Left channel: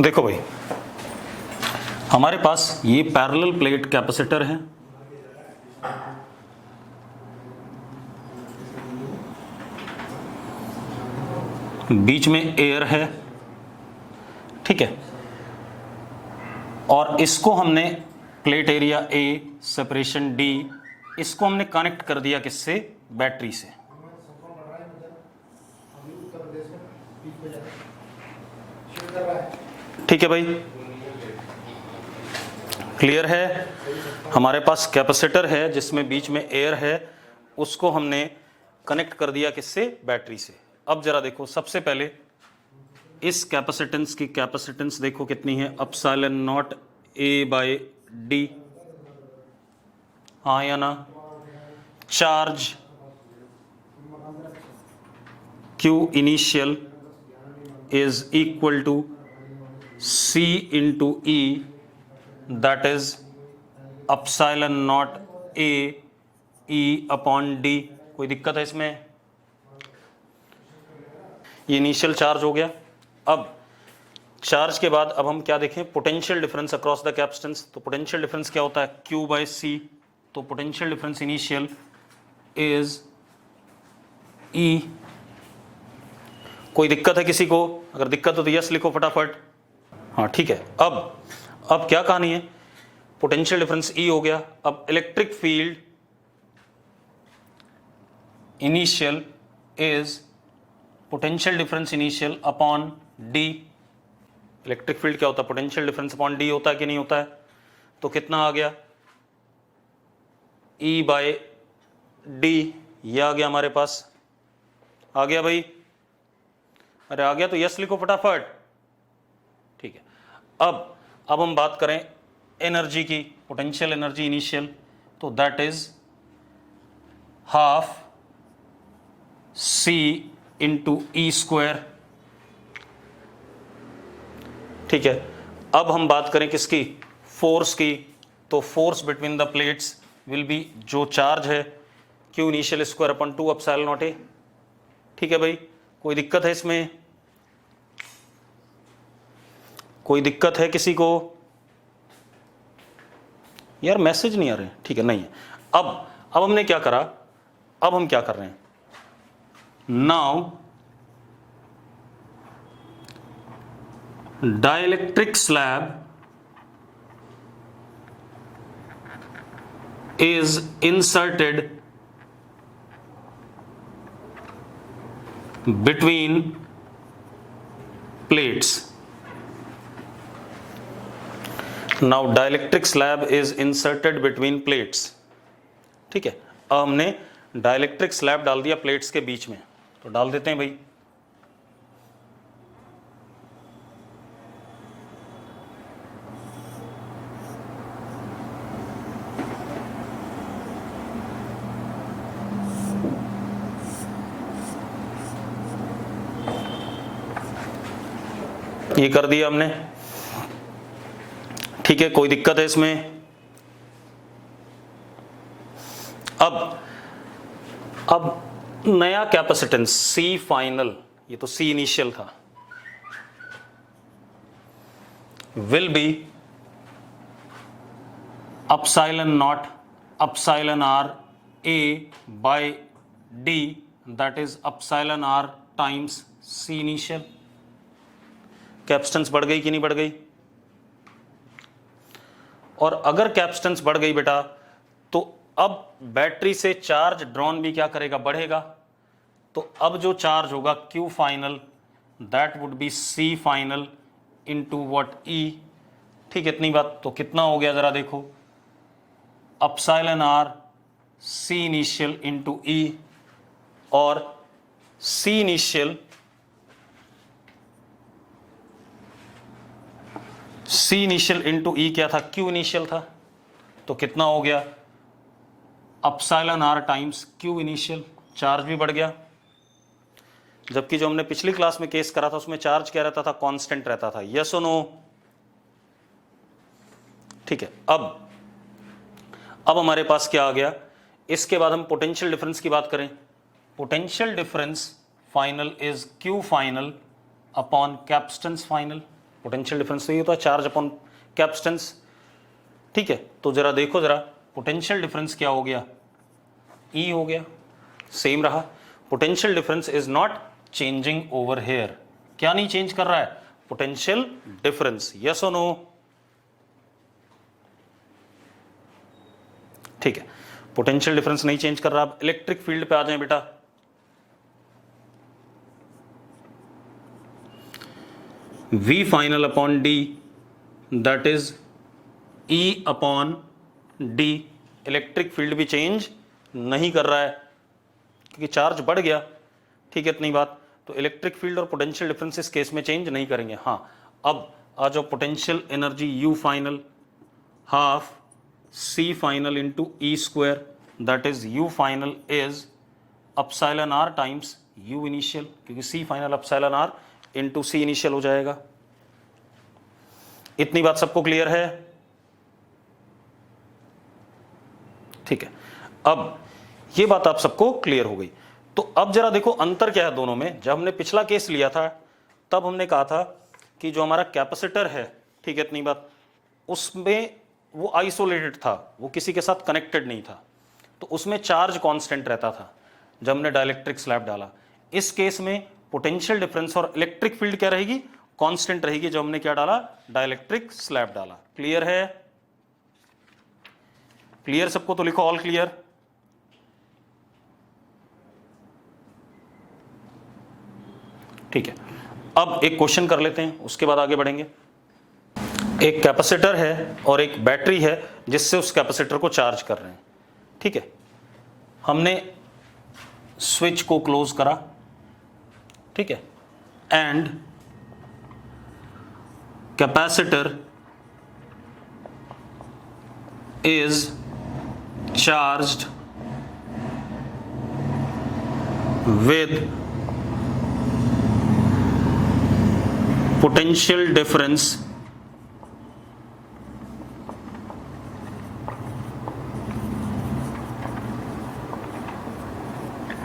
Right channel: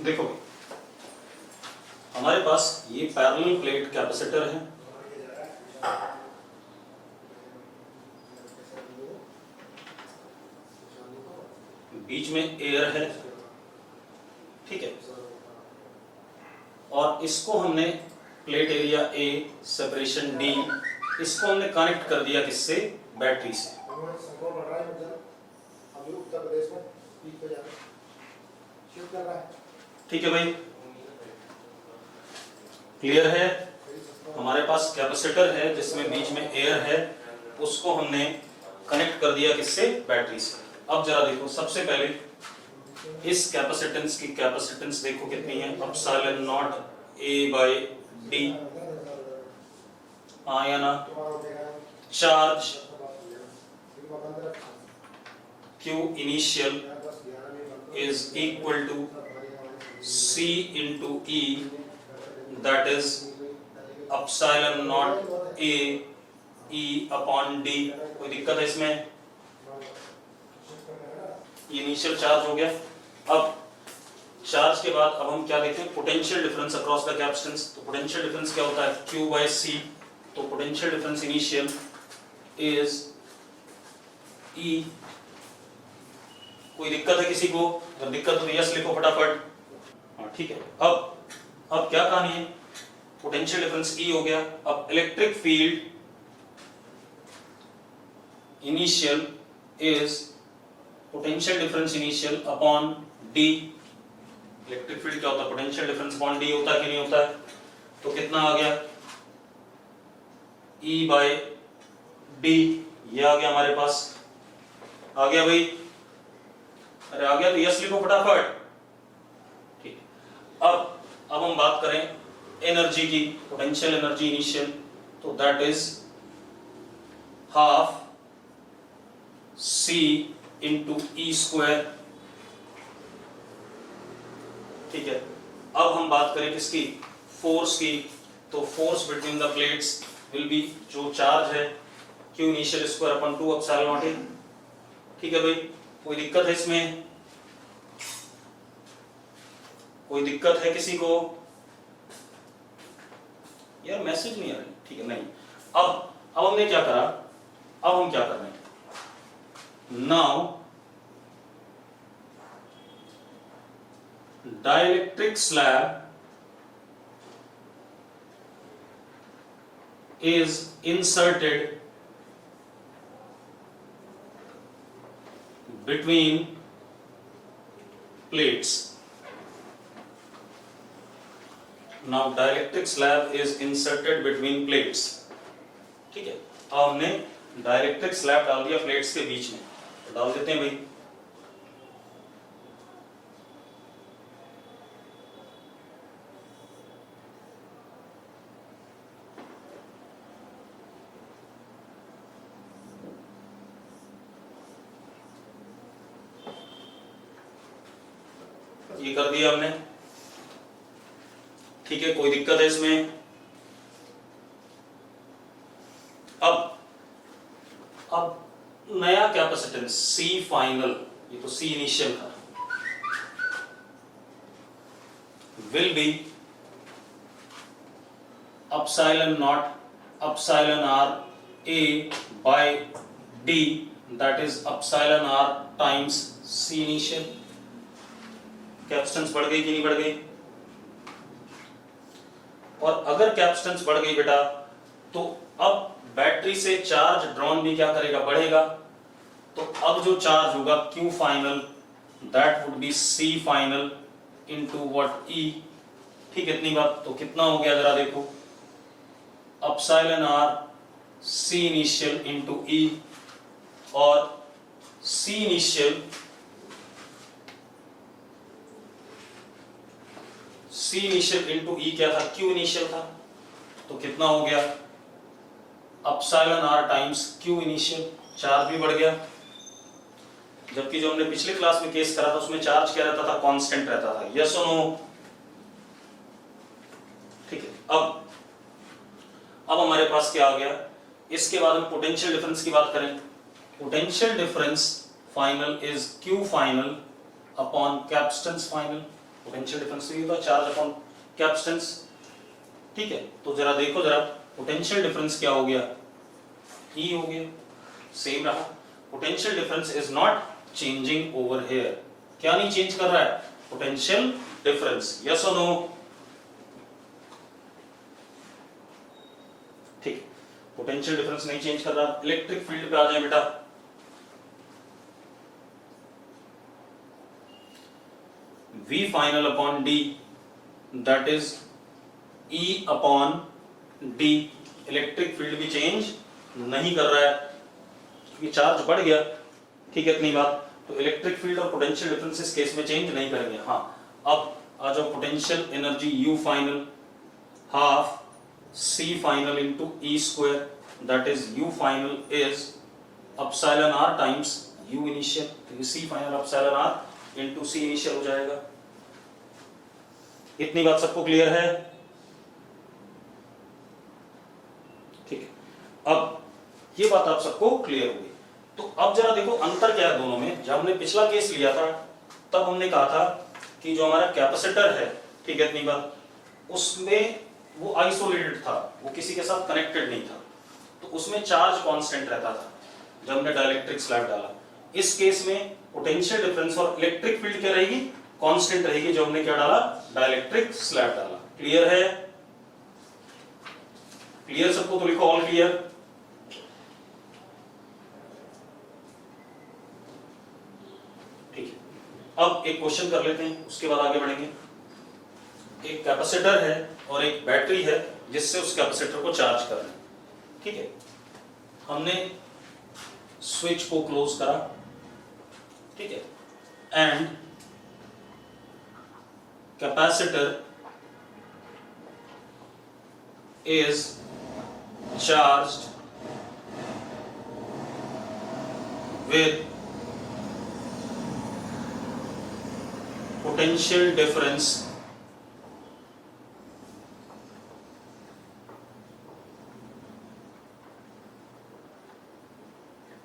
देखो भाई, हमारे पास ये पैरेलल प्लेट कैपेसिटर है, बीच में एयर है, ठीक है, और इसको हमने plate area A, separation D, इसको हमने कनेक्ट कर दिया किससे? बैटरी से। ठीक है भाई, क्लियर है? हमारे पास कैपेसिटर है जिसमें बीच में एयर है, उसको हमने कनेक्ट कर दिया किससे? बैटरी से। अब जरा देखो, सबसे पहले इस कैपेसिटेंस की कैपेसिटेंस देखो कितनी है, epsilon not A by D, हाँ या ना? Charge Q initial is equal to C into E, that is epsilon not A E upon D। कोई दिक्कत है इसमें? ये इनिशियल चार्ज हो गया। अब चार्ज के बाद अब हम क्या देखें? Potential difference across the capacitance. तो पोटेंशियल डिफरेंस क्या होता है? Q by C। तो potential difference initial is E। कोई दिक्कत है किसी को? अगर दिक्कत हो तो यस लिखो फटाफट। हाँ ठीक है। अब क्या कहानी है? पोटेंशियल डिफरेंस E हो गया। अब electric field initial is potential difference initial upon D. Electric field क्या होता है? पोटेंशियल डिफरेंस अपॉन डी होता है कि नहीं होता है? तो कितना आ गया? E by D. ये आ गया हमारे पास। आ गया भाई? अरे आ गया तो यस लिखो फटाफट। ठीक है। अब हम बात करें एनर्जी की, पोटेंशियल एनर्जी इनिशियल, तो that is half C into E square. ठीक है। अब हम बात करें किसकी? फोर्स की। तो force between the plates will be, जो चार्ज है, Q initial square upon 2 epsilon not a. ठीक है भाई, कोई दिक्कत है इसमें? कोई दिक्कत है किसी को? यार मैसेज नहीं आ रहे। ठीक है, नहीं। अब हमने क्या करा? अब हम क्या कर रहे हैं? Now dielectric slab is inserted between plates. Now dielectric slab is inserted between plates. ठीक है। अब हमने डाइलेक्ट्रिक स्लैब डाल दिया प्लेट्स के बीच में, तो डाल देते हैं भाई। ये कर दिया हमने। ठीक है, कोई दिक्कत है इसमें? अब नया कैपेसिटेंस C फाइनल, ये तो C इनिशियल था, will be epsilon not epsilon R A by D, that is epsilon R times C initial. Capacitance बढ़ गई कि नहीं बढ़ गई? और अगर कैपेसिटेंस बढ़ गई बेटा, तो अब बैटरी से चार्ज ड्रॉन भी क्या करेगा? बढ़ेगा। तो अब जो चार्ज होगा Q final, that would be C final into what? E। ठीक है, इतनी बात। तो कितना हो गया जरा देखो? Epsilon R C initial into E, और C initial C initial into E क्या था? Q इनिशियल था। तो कितना हो गया? Epsilon R times Q initial. Charge भी बढ़ गया। जबकि जो हमने पिछली क्लास में केस करा था उसमें चार्ज क्या रहता था? कांस्टेंट रहता था। यस और नो? ठीक है। अब हमारे पास क्या आ गया? इसके बाद हम पोटेंशियल डिफरेंस की बात करें। Potential difference final is Q final upon capacitance final. Potential difference तो ये होता है चार्ज अपॉन कैपेसिटेंस, ठीक है। तो जरा देखो जरा, पोटेंशियल डिफरेंस क्या हो गया, E हो गया, सेम रहा। Potential difference is not changing over here, क्या नहीं चेंज कर रहा है, पोटेंशियल डिफरेंस, यस और नो, ठीक है। पोटेंशियल डिफरेंस नहीं चेंज कर रहा। इलेक्ट्रिक फील्ड पे आ जाए बेटा, V final upon D that is E upon D। Electric field भी चेंज नहीं कर रहा है क्योंकि चार्ज बढ़ गया, ठीक है, इतनी बात। तो इलेक्ट्रिक फील्ड और पोटेंशियल डिफरेंस इस केस में चेंज नहीं करेंगे। हाँ, अब आ जाओ, potential energy U final half C final into E square that is U final is epsilon R times U initial, क्योंकि C final epsilon R into C initial हो जाएगा। इतनी बात सबको क्लियर है, ठीक है। अब ये बात आप सबको क्लियर हो गई। तो अब जरा देखो अंतर क्या है दोनों में। जब हमने पिछला केस लिया था तब हमने कहा था कि जो हमारा कैपेसिटर है, ठीक है, इतनी बात, उसमें वो आइसोलेटेड था, वो किसी के साथ कनेक्टेड नहीं था, तो उसमें चार्ज कांस्टेंट रहता था जब हमने डाइलेक्ट्रिक स्लैब डाला। इस केस में पोटेंशियल डिफरेंस और इलेक्ट्रिक फील्ड क्या रहेगी, कांस्टेंट रहेगी, जो हमने क्या डाला, डाइलेक्ट्रिक स्लैब डाला। क्लियर है, क्लियर सबको, तो लिखो ऑल क्लियर। ठीक है, अब एक क्वेश्चन कर लेते हैं, उसके बाद आगे बढ़ेंगे। एक कैपेसिटर है और एक बैटरी है जिससे उस कैपेसिटर को चार्ज कर रहे हैं, ठीक है। हमने स्विच को क्लोज करा, ठीक है, and capacitor is charged with potential difference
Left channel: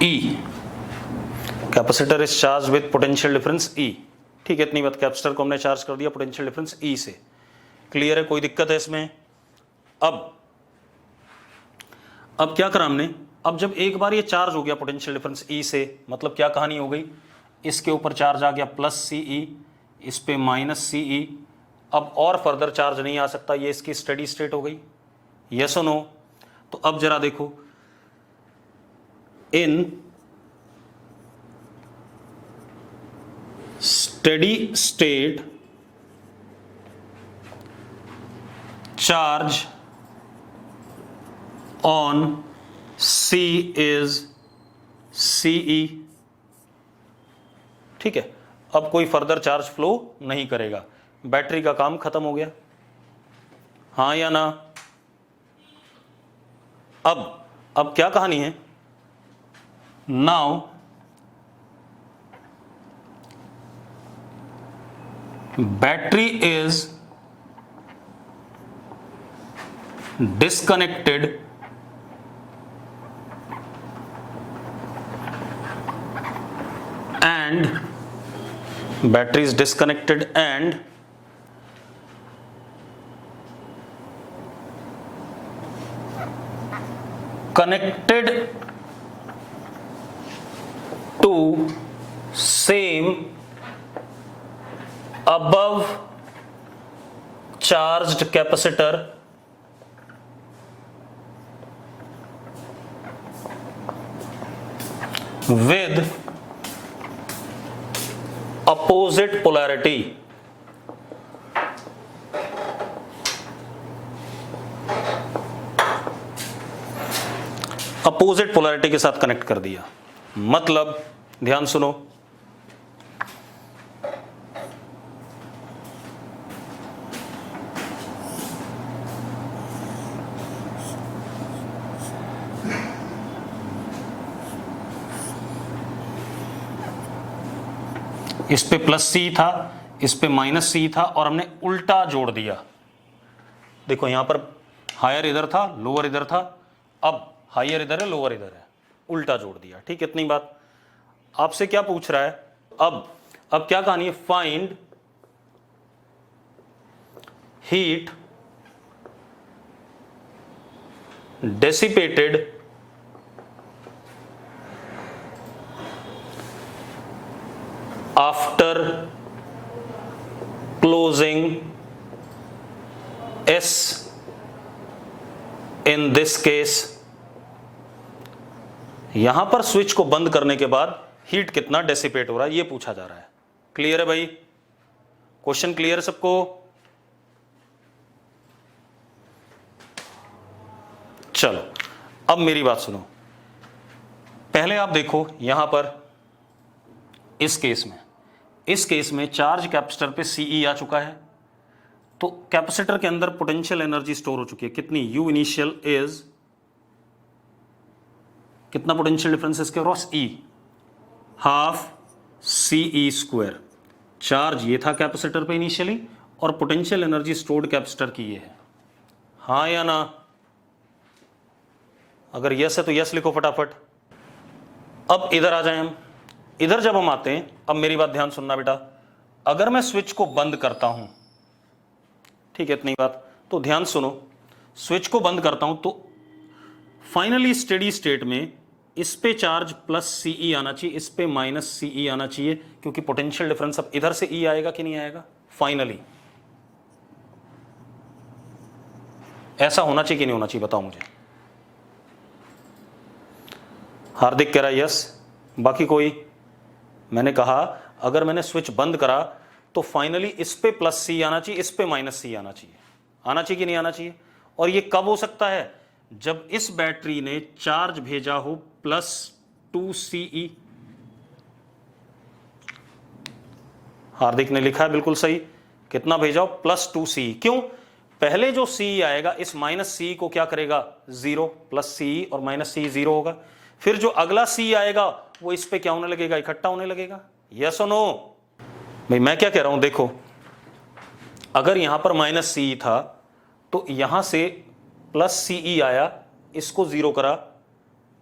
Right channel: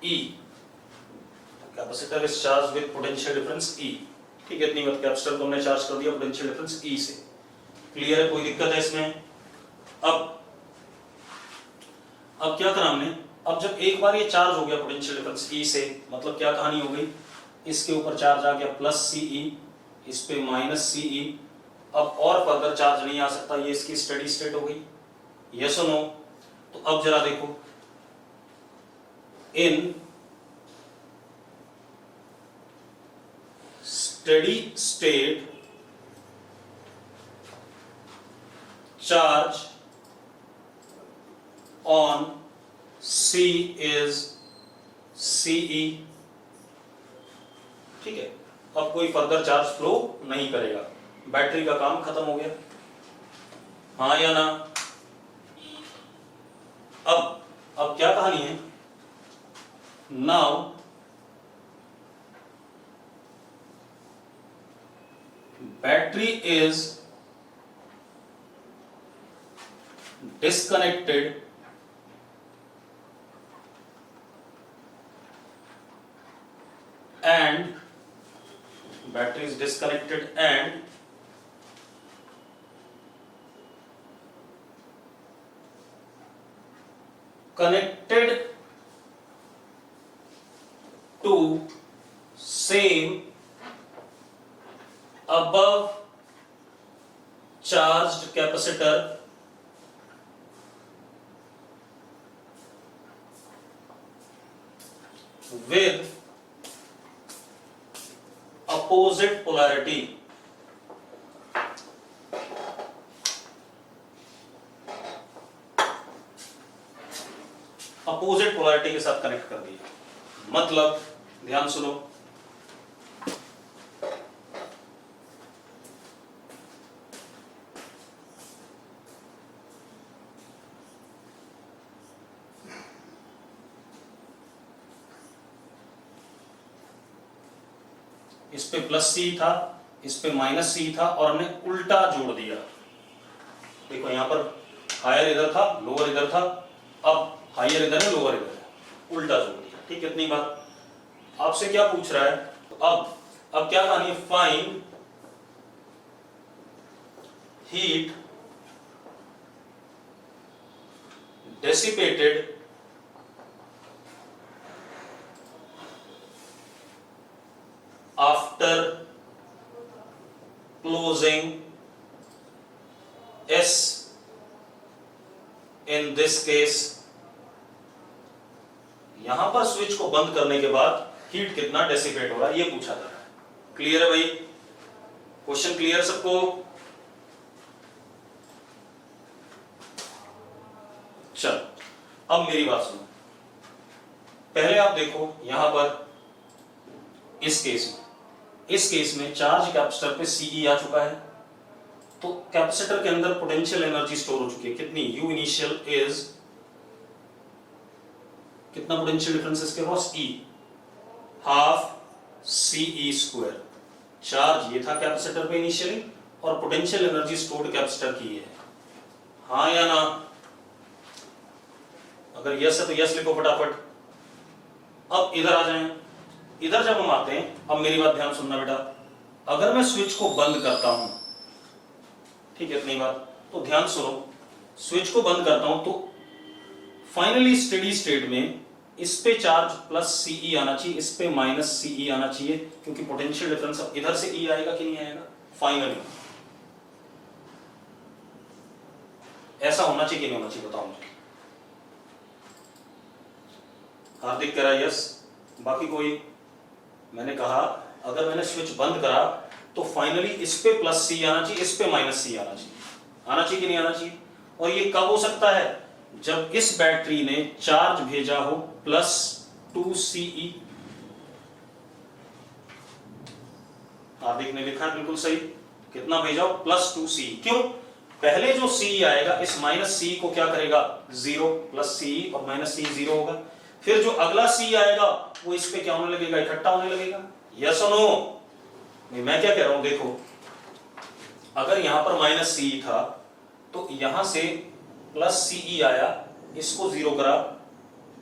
E. Capacitor is charge with potential difference E, ठीक है, इतनी बात। कैपेसिटर को हमने चार्ज कर दिया पोटेंशियल डिफरेंस E से। क्लियर है, कोई दिक्कत है इसमें? अब क्या करा हमने, अब जब एक बार ये चार्ज हो गया पोटेंशियल डिफरेंस E से, मतलब क्या कहानी हो गई, इसके ऊपर चार्ज आ गया प्लस CE, इस पे माइनस CE, अब और फर्दर चार्ज नहीं आ सकता, ये इसकी स्टेडी स्टेट हो गई, यस और नो। तो अब जरा देखो, in steady state charge on C is CE, ठीक है। अब कोई फर्दर चार्ज फ्लो नहीं करेगा, बैटरी का काम खत्म हो गया, हाँ या ना? अब क्या कहानी है, now battery is disconnected and battery is disconnected and connected to same above charged capacitor with opposite polarity, opposite polarity के साथ कनेक्ट कर दिया। मतलब ध्यान सुनो, इस पे प्लस C था, इस पे माइनस C था, और हमने उल्टा जोड़ दिया। देखो यहां पर हायर इधर था, लोअर इधर था, अब हायर इधर है, लोअर इधर है, उल्टा जोड़ दिया, ठीक है, इतनी बात। आपसे क्या पूछ रहा है, अब क्या कहानी है, find heat dissipated after closing S in this case, यहां पर स्विच को बंद करने के बाद हीट कितना डेसिपेट हो रहा है ये पूछा जा रहा है। क्लियर है भाई? क्वेश्चन क्लियर सबको? चलो अब मेरी बात सुनो। पहले आप देखो यहां पर इस केस में चार्ज कैपेसिटर पे Ce आ चुका है, तो कैपेसिटर के अंदर पोटेंशियल एनर्जी स्टोर हो चुकी है। कितनी? U इनिशियल इज कितना पोटेंशियल डिफरेंस इसके cross E, half Ce square. Charge ये था कैपेसिटर पे इनिशियली और पोटेंशियल एनर्जी स्टोर्ड कैपेसिटर की ये है। हाँ या ना? अगर यस है तो यस लिखो फटाफट। अब इधर आ जाए हम। इधर जब हम आते हैं, अब मेरी बात ध्यान सुनना बेटा, अगर मैं स्विच को बंद करता हूं, ठीक है इतनी बात, तो ध्यान सुनो, स्विच को बंद करता हूं तो फाइनली स्टेडी स्टेट में इस पे चार्ज प्लस Ce आना चाहिए, इस पे माइनस Ce आना चाहिए, क्योंकि पोटेंशियल डिफरेंस अब इधर से E आएगा कि नहीं आएगा? फाइनली ऐसा होना चाहिए कि नहीं होना चाहिए? बताओ मुझे। हार्दिक कह रहा है यस, बाकी कोई? मैंने कहा अगर मैंने स्विच बंद करा तो फाइनली इस पे प्लस C आना चाहिए, इस पे माइनस C आना चाहिए। आना चाहिए कि नहीं आना चाहिए? और ये कब हो सकता है? जब इस बैटरी ने चार्ज भेजा हो प्लस 2Ce। हार्दिक ने लिखा है बिल्कुल सही, कितना भेजा हो? Plus 2Ce। क्यों? पहले जो Ce आएगा इस माइनस C को क्या करेगा? 0, प्लस Ce और माइनस C 0 होगा। फिर जो अगला C आएगा वो इस पे क्या होने लगेगा? इकट्ठा होने लगेगा। यस और नो? भाई मैं क्या कह रहा हूं, देखो अगर यहां पर माइनस C था तो यहां से प्लस Ce आया, इसको 0 करा,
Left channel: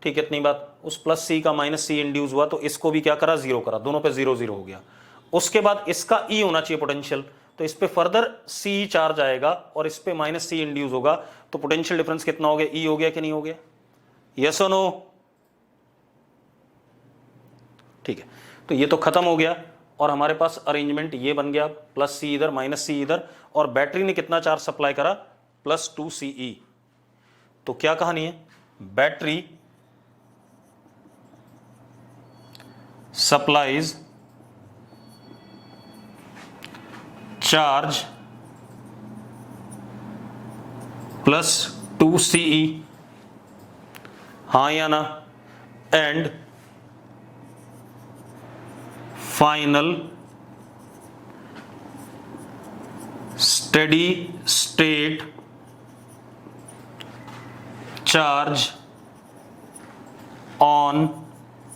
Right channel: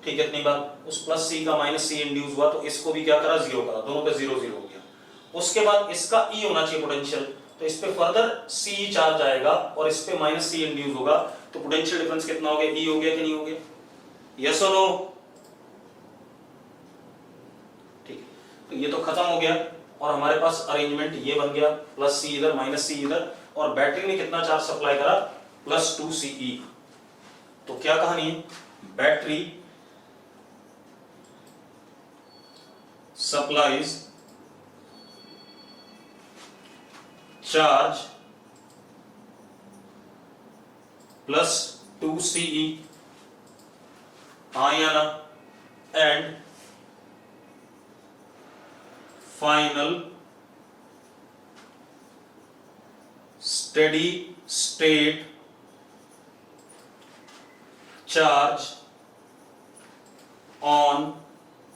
ठीक है इतनी बात। उस प्लस C का माइनस C इंड्यूस हुआ तो इसको भी क्या करा? 0 करा, दोनों पे 0 0 हो गया। उसके बाद इसका E होना चाहिए पोटेंशियल, तो इस पे फर्दर C चार्ज आएगा और इस पे माइनस C इंड्यूस होगा, तो पोटेंशियल डिफरेंस कितना हो गया? E हो गया कि नहीं हो गया? यस और नो? ठीक है, तो ये तो खत्म हो गया और हमारे पास अरेंजमेंट ये बन गया, प्लस C इधर माइनस C इधर, और बैटरी ने कितना चार्ज सप्लाई करा? Plus 2Ce। तो क्या कहानी है? Battery supplies charge plus 2Ce, हाँ या ना? And final steady state charge on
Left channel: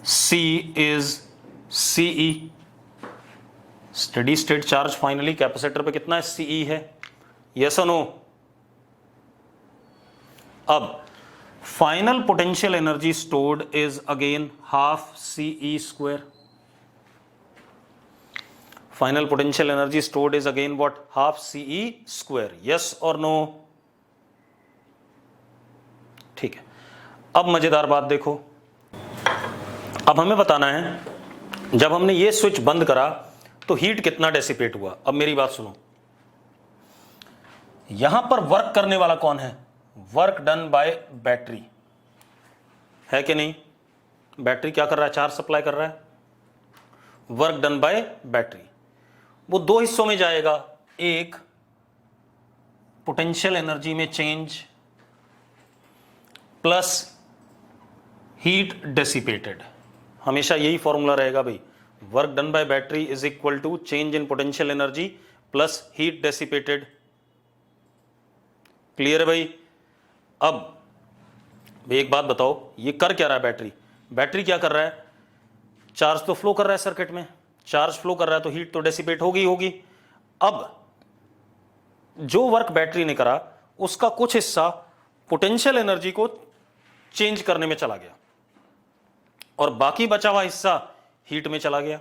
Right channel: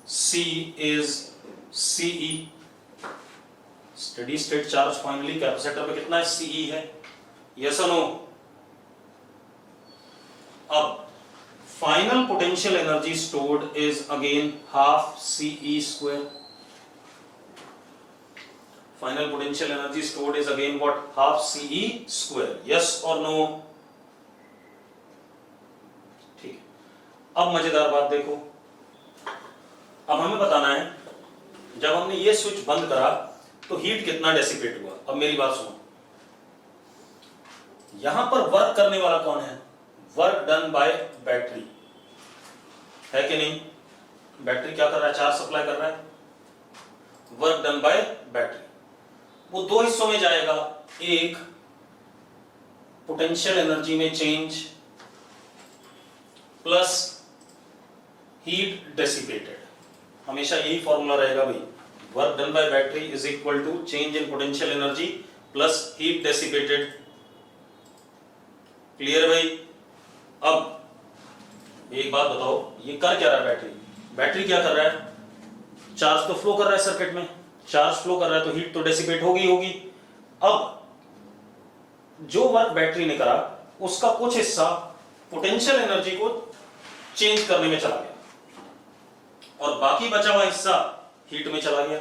C is Ce। Steady state charge finally capacitor पे कितना है? Ce है। यस और नो? अब final potential energy stored is again half Ce square. Final potential energy stored is again what? Half Ce square. Yes और no? ठीक है, अब मजेदार बात देखो। अब हमें बताना है जब हमने ये स्विच बंद करा तो हीट कितना डेसिपेट हुआ। अब मेरी बात सुनो, यहां पर वर्क करने वाला कौन है? वर्क डन बाय बैटरी है कि नहीं? बैटरी क्या कर रहा है? चार्ज सप्लाई कर रहा है। वर्क डन बाय बैटरी वो दो हिस्सों में जाएगा, एक पोटेंशियल एनर्जी में चेंज प्लस हीट डेसिपेटेड। हमेशा यही फॉर्मूला रहेगा भाई, work done by battery is equal to change in potential energy plus heat dissipated. Clear है भाई? अब एक बात बताओ, ये कर क्या रहा है बैटरी? बैटरी क्या कर रहा है? चार्ज तो फ्लो कर रहा है सर्किट में, चार्ज फ्लो कर रहा है तो हीट तो डेसिपेट होगी। अब जो वर्क बैटरी ने करा उसका कुछ हिस्सा पोटेंशियल एनर्जी को चेंज करने में चला गया और बाकी बचा हुआ हिस्सा हीट में चला गया।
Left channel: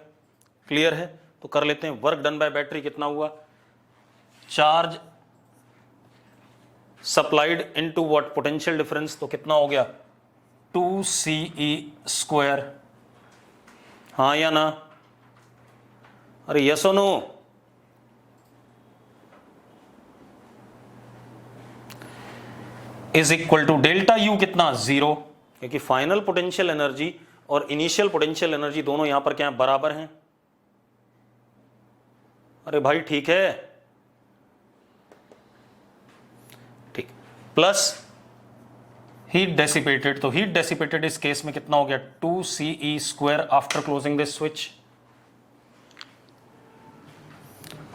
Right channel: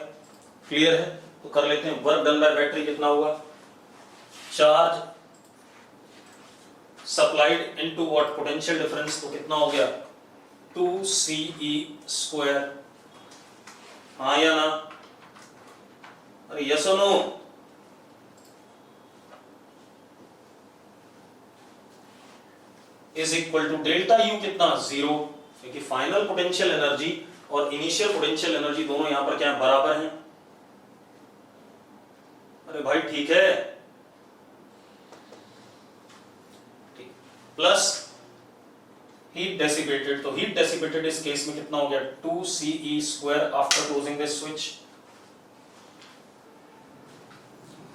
क्लियर है? तो कर लेते हैं। वर्क डन बाय बैटरी कितना हुआ? Charge supplied into what, potential difference, तो कितना हो गया 2CE²। हाँ या ना? अरे यस और no? Is equal to delta U कितना 0, क्योंकि फाइनल पोटेंशियल एनर्जी और इनिशियल पोटेंशियल एनर्जी दोनों यहां पर क्या है, बराबर हैं। अरे भाई ठीक है, ठीक। प्लस हीट डेसिपेटेड, तो हीट डेसिपेटेड इस केस में कितना हो गया 2CE² after closing this switch.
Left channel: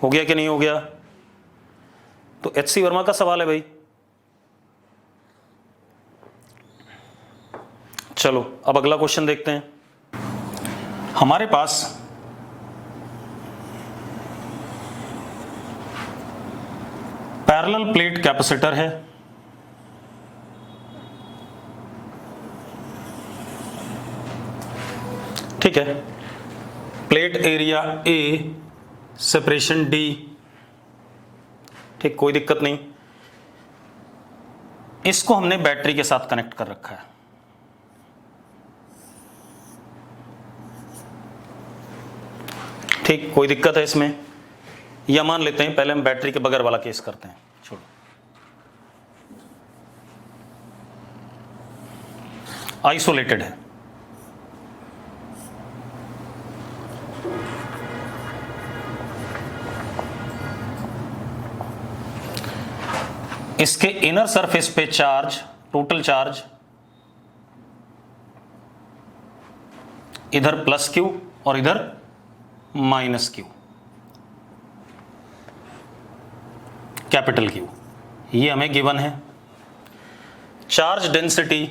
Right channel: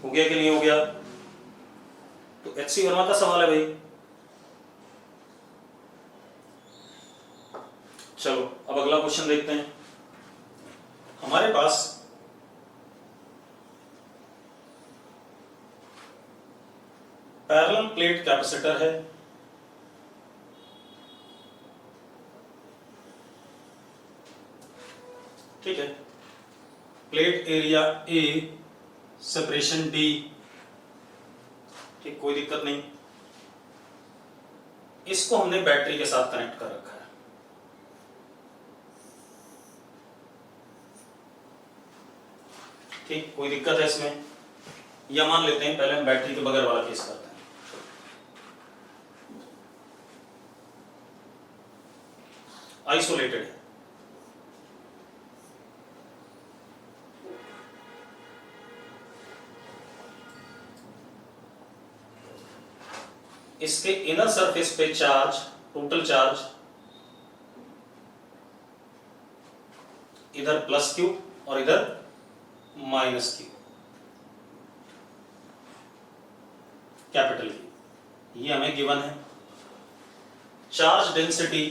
हो गया कि नहीं हो गया? तो HC वर्मा का सवाल है भाई। चलो अब अगला क्वेश्चन देखते हैं। हमारे पास पैरेलल प्लेट कैपेसिटर है, ठीक है। Plate area A, separation D, ठीक, कोई दिक्कत नहीं। इसको हमने बैटरी के साथ कनेक्ट कर रखा है, ठीक, कोई दिक्कत है इसमें? या मान लेते हैं पहले हम बैटरी के बगैर वाला केस करते हैं। आइसोलेटेड है, इसके इनर सरफेस पे चार्ज, टोटल चार्ज इधर +Q और इधर -Q, कैपिटल Q, ये हमें गिवन है। चार्ज डेंसिटी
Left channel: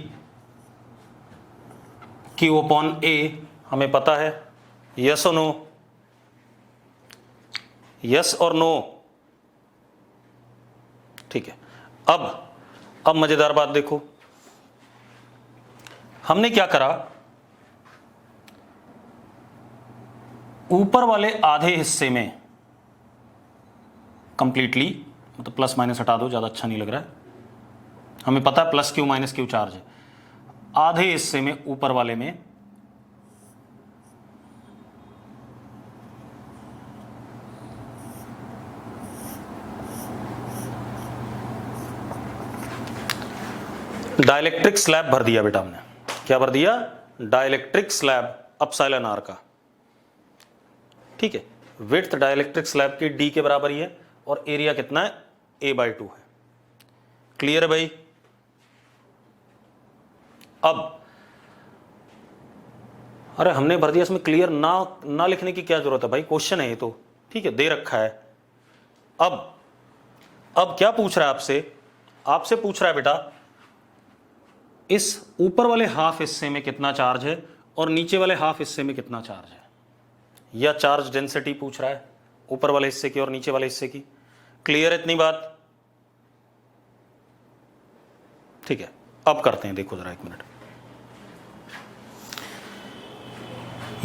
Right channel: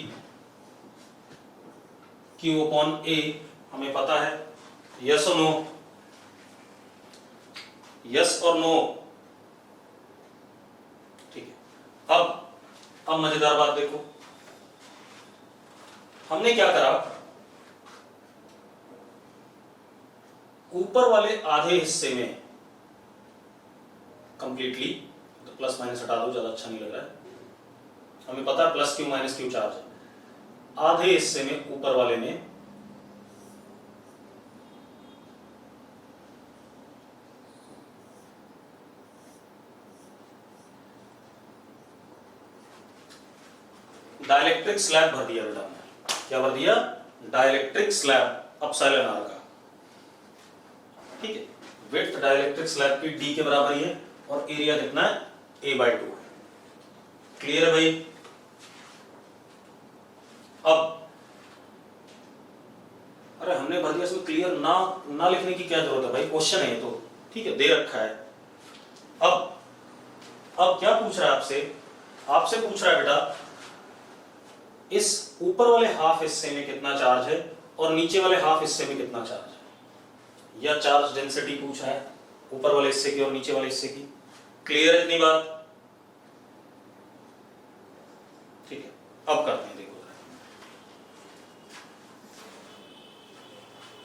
Q/A हमें पता है, यस और नो? यस और नो? ठीक है। अब मजेदार बात देखो, हमने क्या करा, ऊपर वाले आधे हिस्से में कंप्लीटली, मतलब प्लस माइनस हटा दो, ज्यादा अच्छा नहीं लग रहा है, हमें पता है +Q -Q चार्ज है। आधे हिस्से में, ऊपर वाले में डाइलेक्ट्रिक स्लैब भर दिया बेटा हमने। क्या भर दिया? डाइलेक्ट्रिक स्लैब एप्सिलॉन r का, ठीक है। विड्थ डाइलेक्ट्रिक स्लैब की D के बराबर ही है और एरिया कितना है, A/2 है। क्लियर है भाई? अब अरे हमने भर दिया, इसमें क्लियर ना लिखने की क्या जरूरत है भाई, क्वेश्चन है ये तो, ठीक है, दे रखा है। अब क्या पूछ रहा है आपसे? आपसे पूछ रहा है बेटा इस ऊपर वाले हाफ हिस्से में कितना चार्ज है और नीचे वाले हाफ हिस्से में कितना चार्ज है, या चार्ज डेंसिटी पूछ रहा है ऊपर वाले हिस्से की और नीचे वाले हिस्से की। क्लियर है इतनी बात? ठीक है, अब करते हैं, देखो जरा एक मिनट।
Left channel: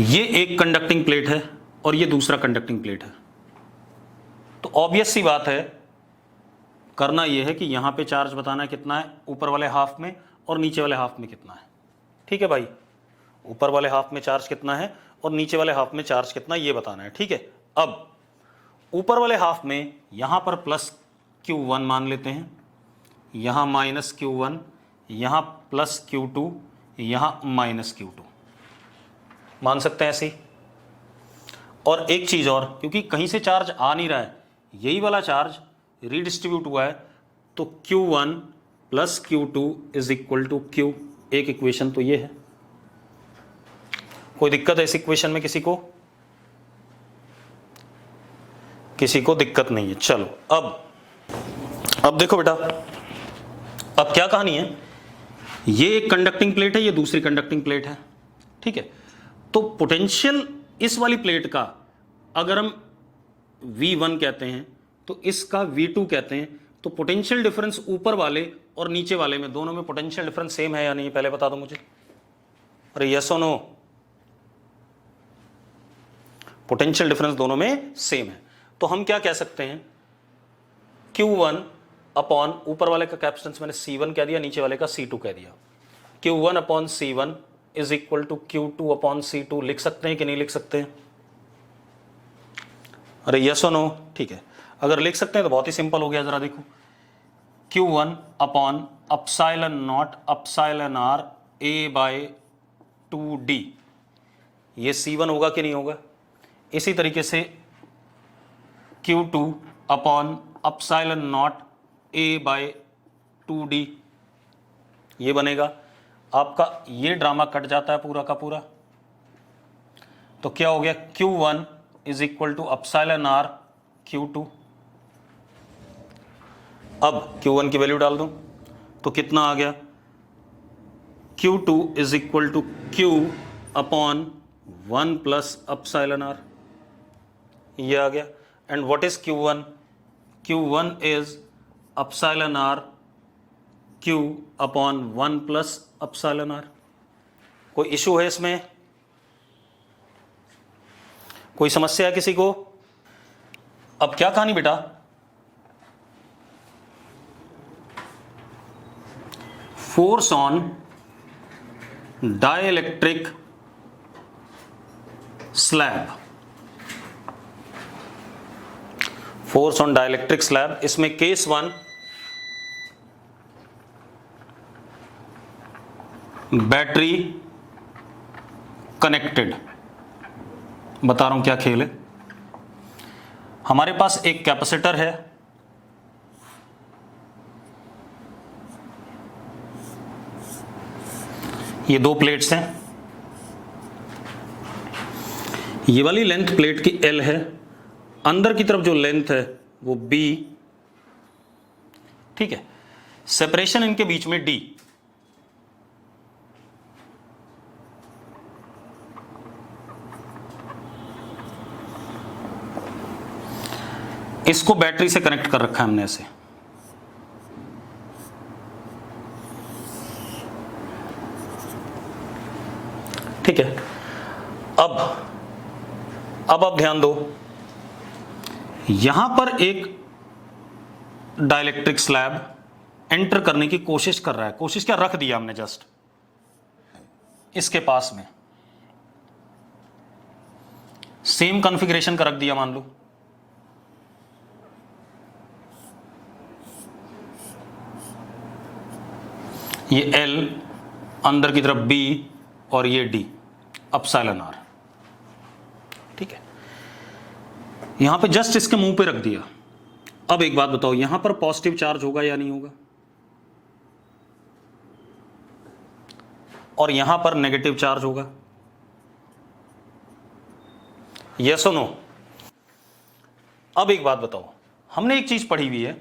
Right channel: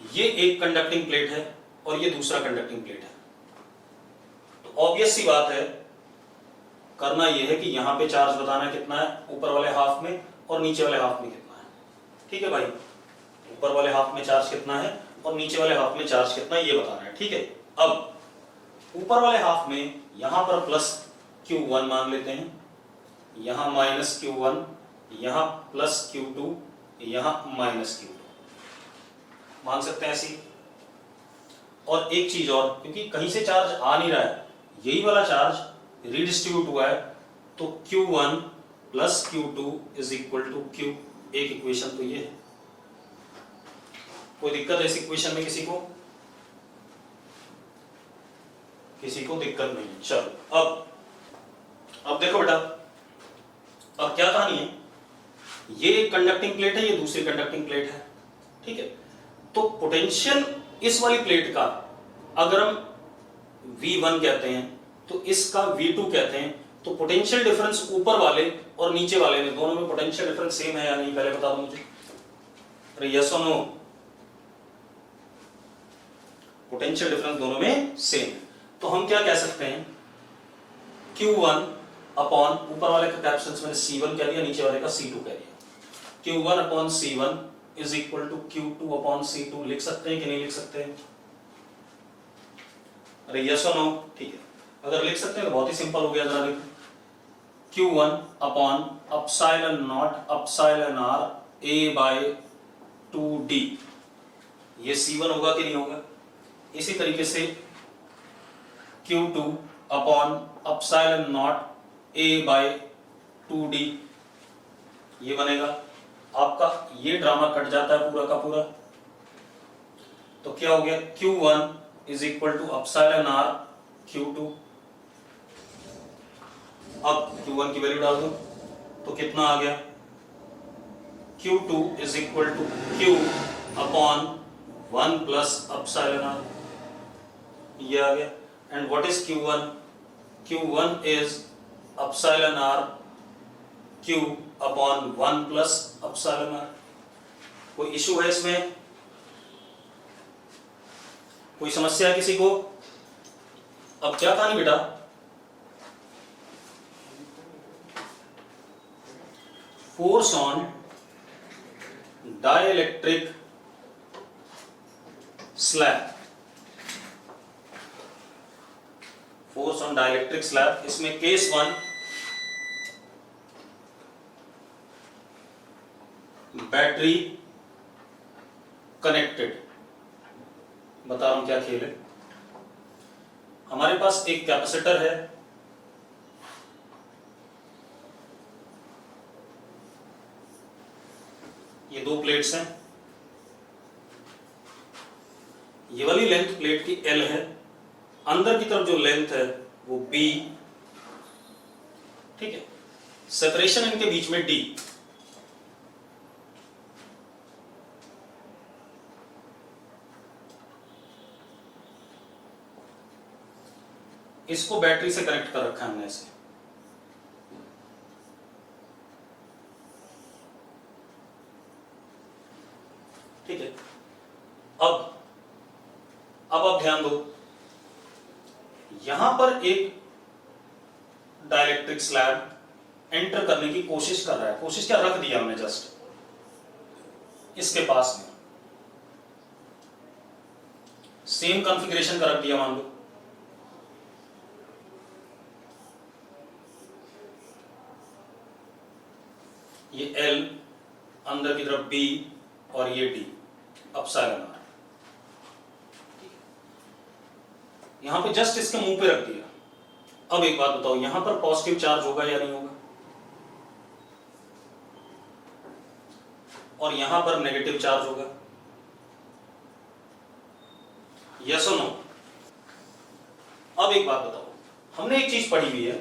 ये एक कंडक्टिंग प्लेट है और ये दूसरा कंडक्टिंग प्लेट है, तो ऑब्वियस सी बात है, करना यह है कि यहां पे चार्ज बताना है कितना है ऊपर वाले हाफ में और नीचे वाले हाफ में कितना है। ठीक है भाई, ऊपर वाले हाफ में चार्ज कितना है और नीचे वाले हाफ में चार्ज कितना है ये बताना है। ठीक है, अब ऊपर वाले हाफ में यहां पर +Q1 मान लेते हैं, यहां -Q1, यहां +Q2, यहां -Q2 मान सकते हैं ऐसे। और एक चीज और, क्योंकि कहीं से चार्ज आ नहीं रहा है, यही वाला चार्ज रीडिस्ट्रीब्यूट हुआ है, तो Q1 + Q2 = Q। एक इक्वेशन तो ये है। कोई दिक्कत है इस इक्वेशन में किसी को? किसी को दिक्कत नहीं है। चलो अब देखो बेटा, अब क्या कहानी है, ये एक कंडक्टिंग प्लेट है, ये दूसरी कंडक्टिंग प्लेट है। ठीक है, तो पोटेंशियल इस वाली प्लेट का अगर हम V1 कहते हैं तो इसका V2 कहते हैं, तो पोटेंशियल डिफरेंस ऊपर वाले और नीचे वाले में, दोनों में पोटेंशियल डिफरेंस सेम है या नहीं, पहले बता दो मुझे। अरे यस और नो? पोटेंशियल डिफरेंस दोनों में सेम है, तो हम क्या कह सकते हैं, Q1 अपॉन, ऊपर वाले का कैपेसिटेंस मैंने C1 कह दिया, नीचे वाले का C2 कह दिया। Q1 upon C1 is equal to Q2 upon C2 लिख सकते हैं कि नहीं लिख सकते हैं? अरे यस और नो? ठीक है, अगर लिख सकते हैं तो बहुत ही सिंपल हो गया। जरा देखो, Q1 upon epsilon not epsilon R A by 2D, ये C1 होगा कि नहीं होगा? इसी तरीके से Q2 upon epsilon not A by 2D, ये बनेगा। आपका ये ड्रामा कट जाता है पूरा का पूरा, तो क्या हो गया? Q1 is equal to epsilon R Q2। अब Q1 की वैल्यू डाल दूं तो कितना आ गया? Q2 is equal to Q upon 1 plus epsilon R, ये आ गया। And what is Q1? Q1 is epsilon R Q upon 1 plus epsilon R। कोई इशू है इसमें? कोई समस्या है किसी को? अब क्या कहानी बेटा? Force on dielectric slab, force on dielectric slab, इसमें केस 1 बैटरी कनेक्टेड। बता रहा हूं क्या खेल है। हमारे पास एक कैपेसिटर है, ये दो प्लेट्स हैं, ये वाली लेंथ प्लेट की L है, अंदर की तरफ जो लेंथ है वो B, ठीक है। सेपरेशन इनके बीच में D। इसको बैटरी से कनेक्ट कर रखा है हमने ऐसे, ठीक है। अब आप ध्यान दो, यहां पर एक डाइलेक्ट्रिक स्लैब एंटर करने की कोशिश कर रहा है। कोशिश क्या, रख दिया हमने जस्ट इसके पास में, सेम कॉन्फ़िगरेशन का रख दिया मान लो। ये L, अंदर की तरफ B और ये D अपसाइलन R, ठीक है। यहां पे जस्ट इसके मुंह पे रख दिया। अब एक बात बताओ, यहां पर पॉजिटिव चार्ज होगा या नहीं होगा? और यहां पर नेगेटिव चार्ज होगा? यस और नो? अब एक बात बताओ, हमने एक चीज पढ़ी हुई है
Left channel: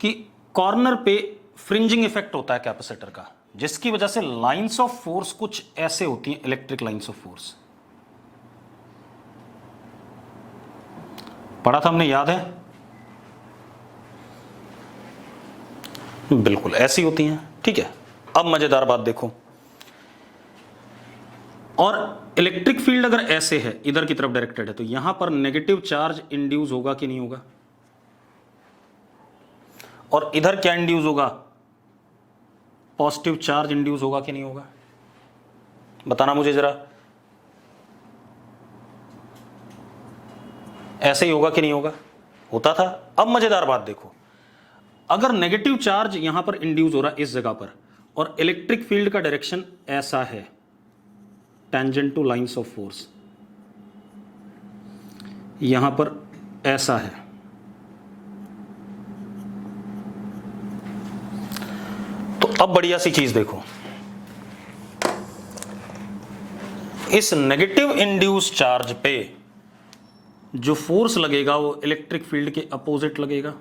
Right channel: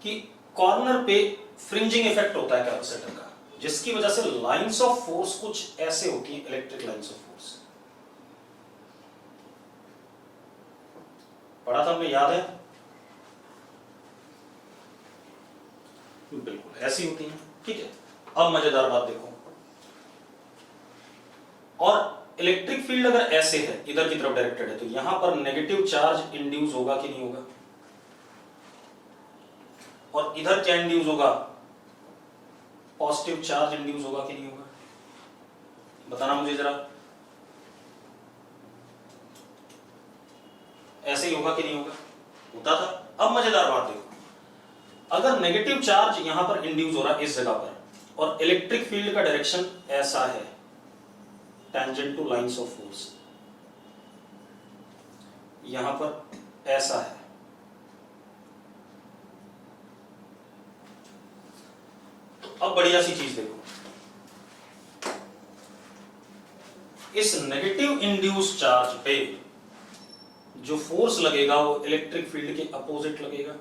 कि कॉर्नर पे फ्रिंजिंग इफेक्ट होता है कैपेसिटर का, जिसकी वजह से लाइंस ऑफ फोर्स कुछ ऐसे होती हैं, इलेक्ट्रिक लाइंस ऑफ फोर्स। पढ़ा था हमने, याद है? बिल्कुल ऐसी होती हैं, ठीक है। अब मजेदार बात देखो, और इलेक्ट्रिक फील्ड अगर ऐसे है, इधर की तरफ डायरेक्टेड है, तो यहां पर नेगेटिव चार्ज इंड्यूस होगा कि नहीं होगा? और इधर क्या इंड्यूस होगा? पॉजिटिव चार्ज इंड्यूस होगा कि नहीं होगा? बताना मुझे जरा। ऐसे ही होगा कि नहीं होगा? होता था। अब मजेदार बात देखो, अगर नेगेटिव चार्ज यहां पर इंड्यूस हो रहा है इस जगह पर, और इलेक्ट्रिक फील्ड का डायरेक्शन ऐसा है, tangent two lines of force, यहां पर ऐसा है, तो अब बढ़िया सी चीज देखो, इस नेगेटिव इंड्यूस चार्ज पे जो फोर्स लगेगा वो इलेक्ट्रिक फील्ड के अपोजिट लगेगा।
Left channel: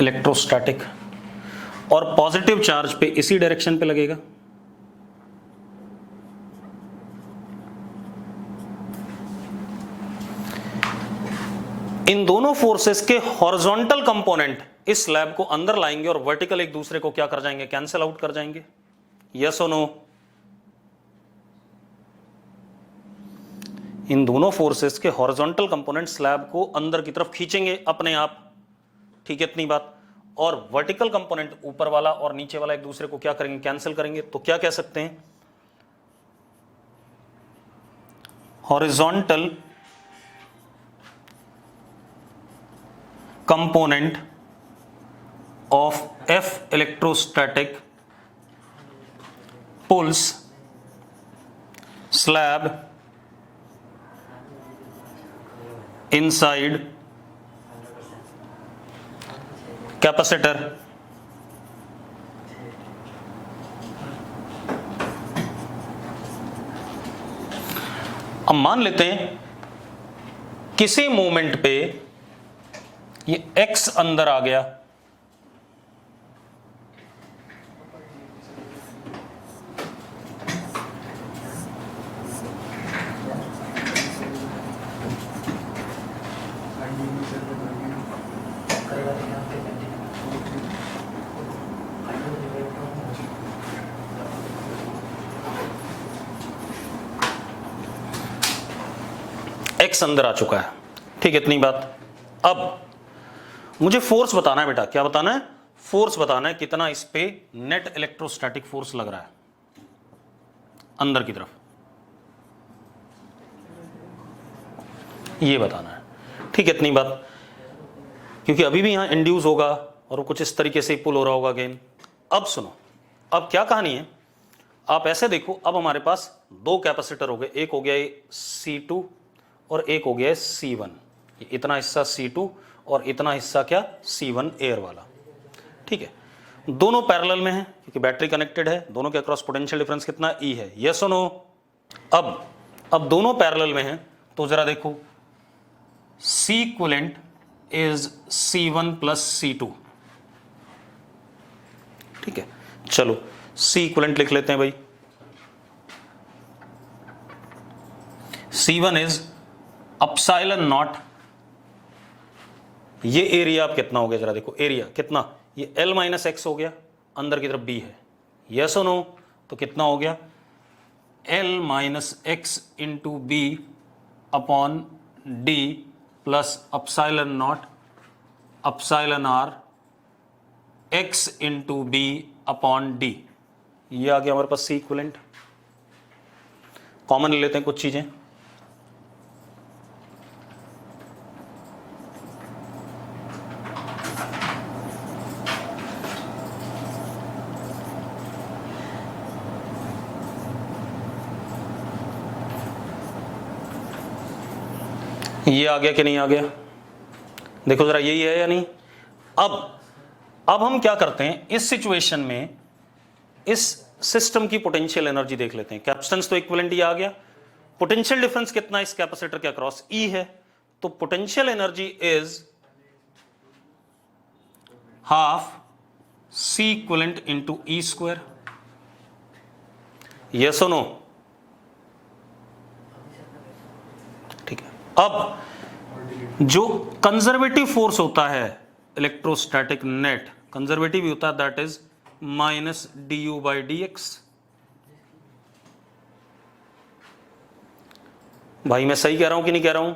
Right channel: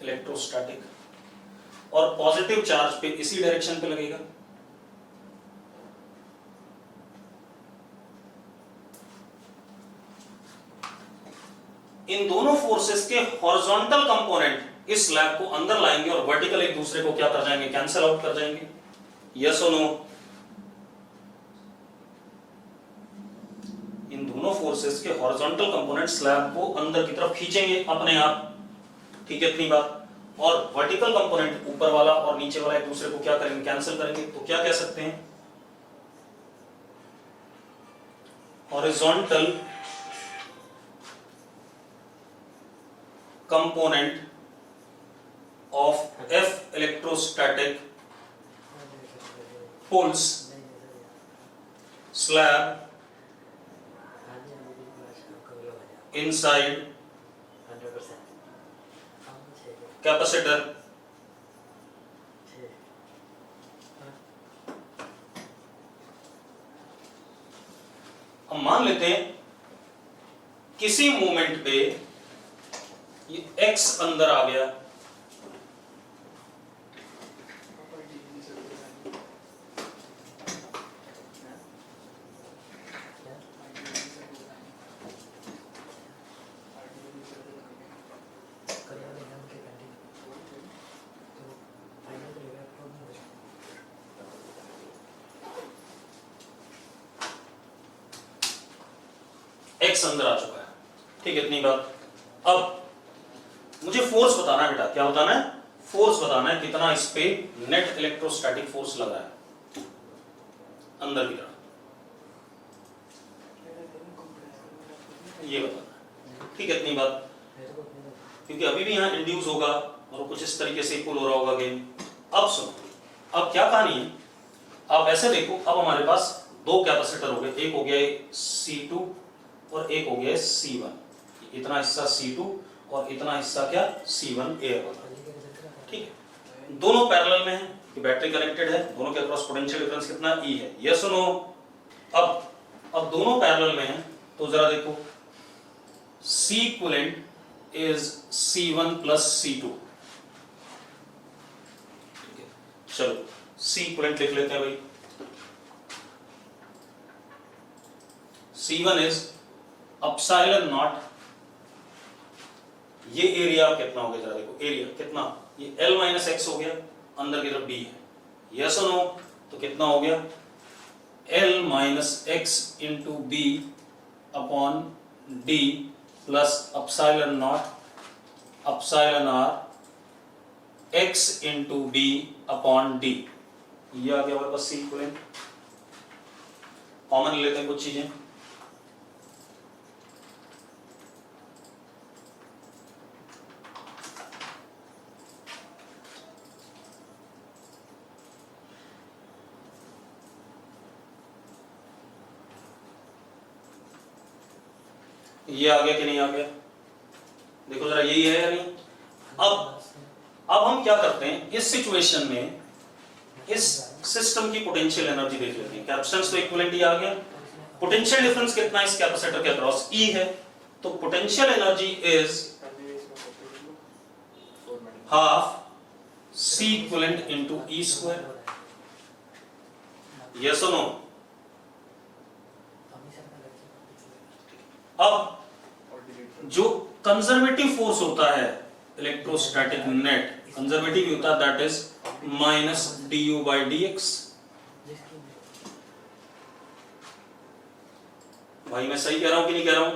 इलेक्ट्रोस्टैटिक। और पॉजिटिव चार्ज पे इसी डायरेक्शन पे लगेगा। इन दोनों फोर्सेस के हॉरिजॉन्टल कंपोनेंट इस स्लैब को अंदर लाएंगे और वर्टिकल एक दूसरे को क्या कर जाएंगे? कैंसिल आउट कर जाएंगे। यस और नो? इन दोनों फोर्सेस के हॉरिजॉन्टल कंपोनेंट स्लैब को अंदर की तरफ खींचेंगे अपने आप, ठीक है इतनी बात। और वर्टिकल कंपोनेंट ऊपर वाला और नीचे वाला एक दूसरे को क्या करेंगे, कैंसिल करेंगे। तो क्या कह सकते हैं, horizontal component of F electrostatic pulls slab inside capacitor अब मान लेते हैं किसी मोमेंट पे ये x अंदर आ गया, x अंदर आ चुका है, ठीक है इतनी बात। अब मुझे फोर्स बताना है बेटा, क्या बताना है, फोर्स बताना है, कितना इस पे नेट इलेक्ट्रोस्टैटिक फोर्स लग रहा है अंदर की तरफ, ये बताना है, ठीक है इतनी बात। क्योंकि अभी भी यहां इंड्यूस होगा और वो कुछ इस तरीके से पुल हो रहा होगा अगेन। अब सुनो, अब क्या कहानी है, आप ऐसे देखो, अब हमारे पास दो कैपेसिटर हो गए, एक हो गया C2 और एक हो गया C1, इतना हिस्सा C2 और इतना हिस्सा क्या C1 एयर वाला, ठीक है। दोनों पैरेलल में है क्योंकि बैटरी कनेक्टेड है, दोनों के अक्रॉस पोटेंशियल डिफरेंस कितना E है, यस और नो। अब दोनों पैरेलल में हैं तो जरा देखो, C equivalent is C1 plus C2, ठीक है। चलो C इक्विवेलेंट लिख लेते हैं भाई, C1 इज एप्सिलॉन नॉट, ये एरिया कितना हो गया जरा देखो, एरिया कितना, ये L माइनस एक्स हो गया, अंदर की तरफ B है, यस और नो। तो कितना हो गया, L minus x into B upon D plus epsilon not epsilon R x into B upon D, ये आ गया हमारे पास C इक्विवेलेंट। कॉमन ले लेते हैं कुछ चीजें, ये आ गया कि नहीं आ गया, देखो जरा यही है या नहीं। अब हम क्या करते हैं, इस सिचुएशन में इस सिस्टम की पोटेंशियल एनर्जी देख लेते हैं। कैपेसिटेंस तो इक्विवेलेंट ही आ गया, पोटेंशियल डिफरेंस कितना इस कैपेसिटर के अक्रॉस E है, तो potential energy is half C equivalent into E square, yes और नो, ठीक है। अब जो कंजर्वेटिव फोर्स होता है इलेक्ट्रोस्टैटिक नेट, कंजर्वेटिव होता है, that is minus du by dx। भाई मैं सही कह रहा हूं कि नहीं कह रहा हूं,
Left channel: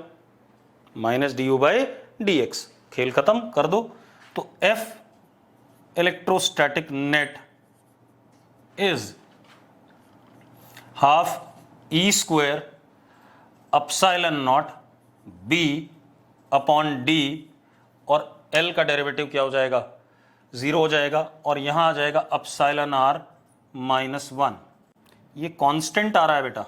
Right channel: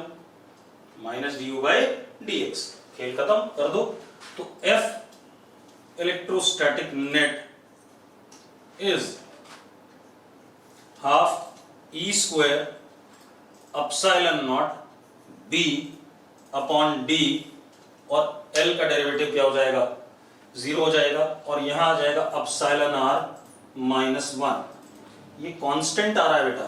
माइनस du बाई dx, खेल खत्म कर दो। तो F electrostatic net is half E square epsilon not B upon D, और L का डेरिवेटिव क्या हो जाएगा, 0 हो जाएगा, और यहां आ जाएगा एप्सिलॉन r माइनस 1। ये कांस्टेंट आ रहा है बेटा,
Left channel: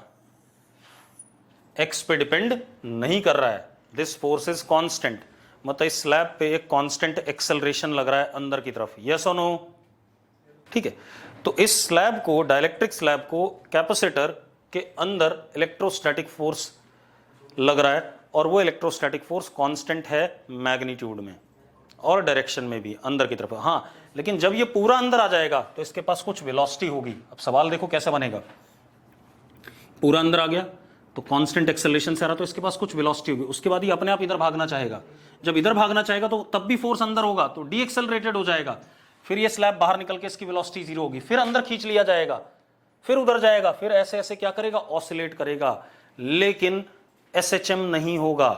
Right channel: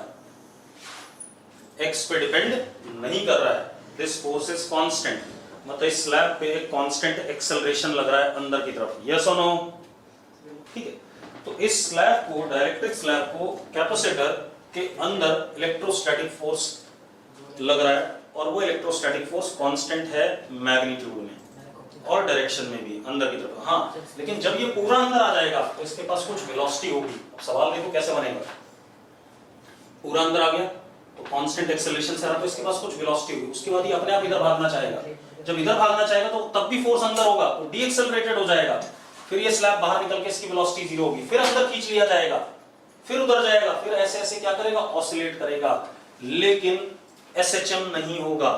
x पे डिपेंड नहीं कर रहा है, दिस फोर्स इज कांस्टेंट, मतलब इस स्लैब पे एक कांस्टेंट एक्सेलरेशन लग रहा है अंदर की तरफ, यस और नो, ठीक है। तो इस स्लैब को, डाइलेक्ट्रिक स्लैब को कैपेसिटर के अंदर इलेक्ट्रोस्टैटिक फोर्स लग रहा है, और वो इलेक्ट्रोस्टैटिक फोर्स कांस्टेंट है मैग्नीट्यूड में और डायरेक्शन में भी अंदर की तरफ। हाँ, लेकिन जब ये पूरा अंदर आ जाएगा तो इसके पास कुछ वेलोसिटी होगी। अब सवाल देखो कैसे बनेगा, पूरा अंदर आ गया तो कांस्टेंट एक्सेलरेशन से आ रहा, तो इसके पास कुछ वेलोसिटी होगी, उसके बाद ही अपने आप इधर भागना चाहेगा। जब इधर भागना चाहेगा तो तब भी फोर्स अंदर होगा, तो डी एक्सेलरेटेड हो जाएगा, फिर ये स्लैब बाहर निकल के इसकी वेलोसिटी 0 होगी, फिर अंदर खींच लिया जाएगा, फिर उधर जाएगा, फिर ऐसे ऐसे क्या करेगा, ऑसिलेट करेगा। लेकिन SHM नहीं होगा।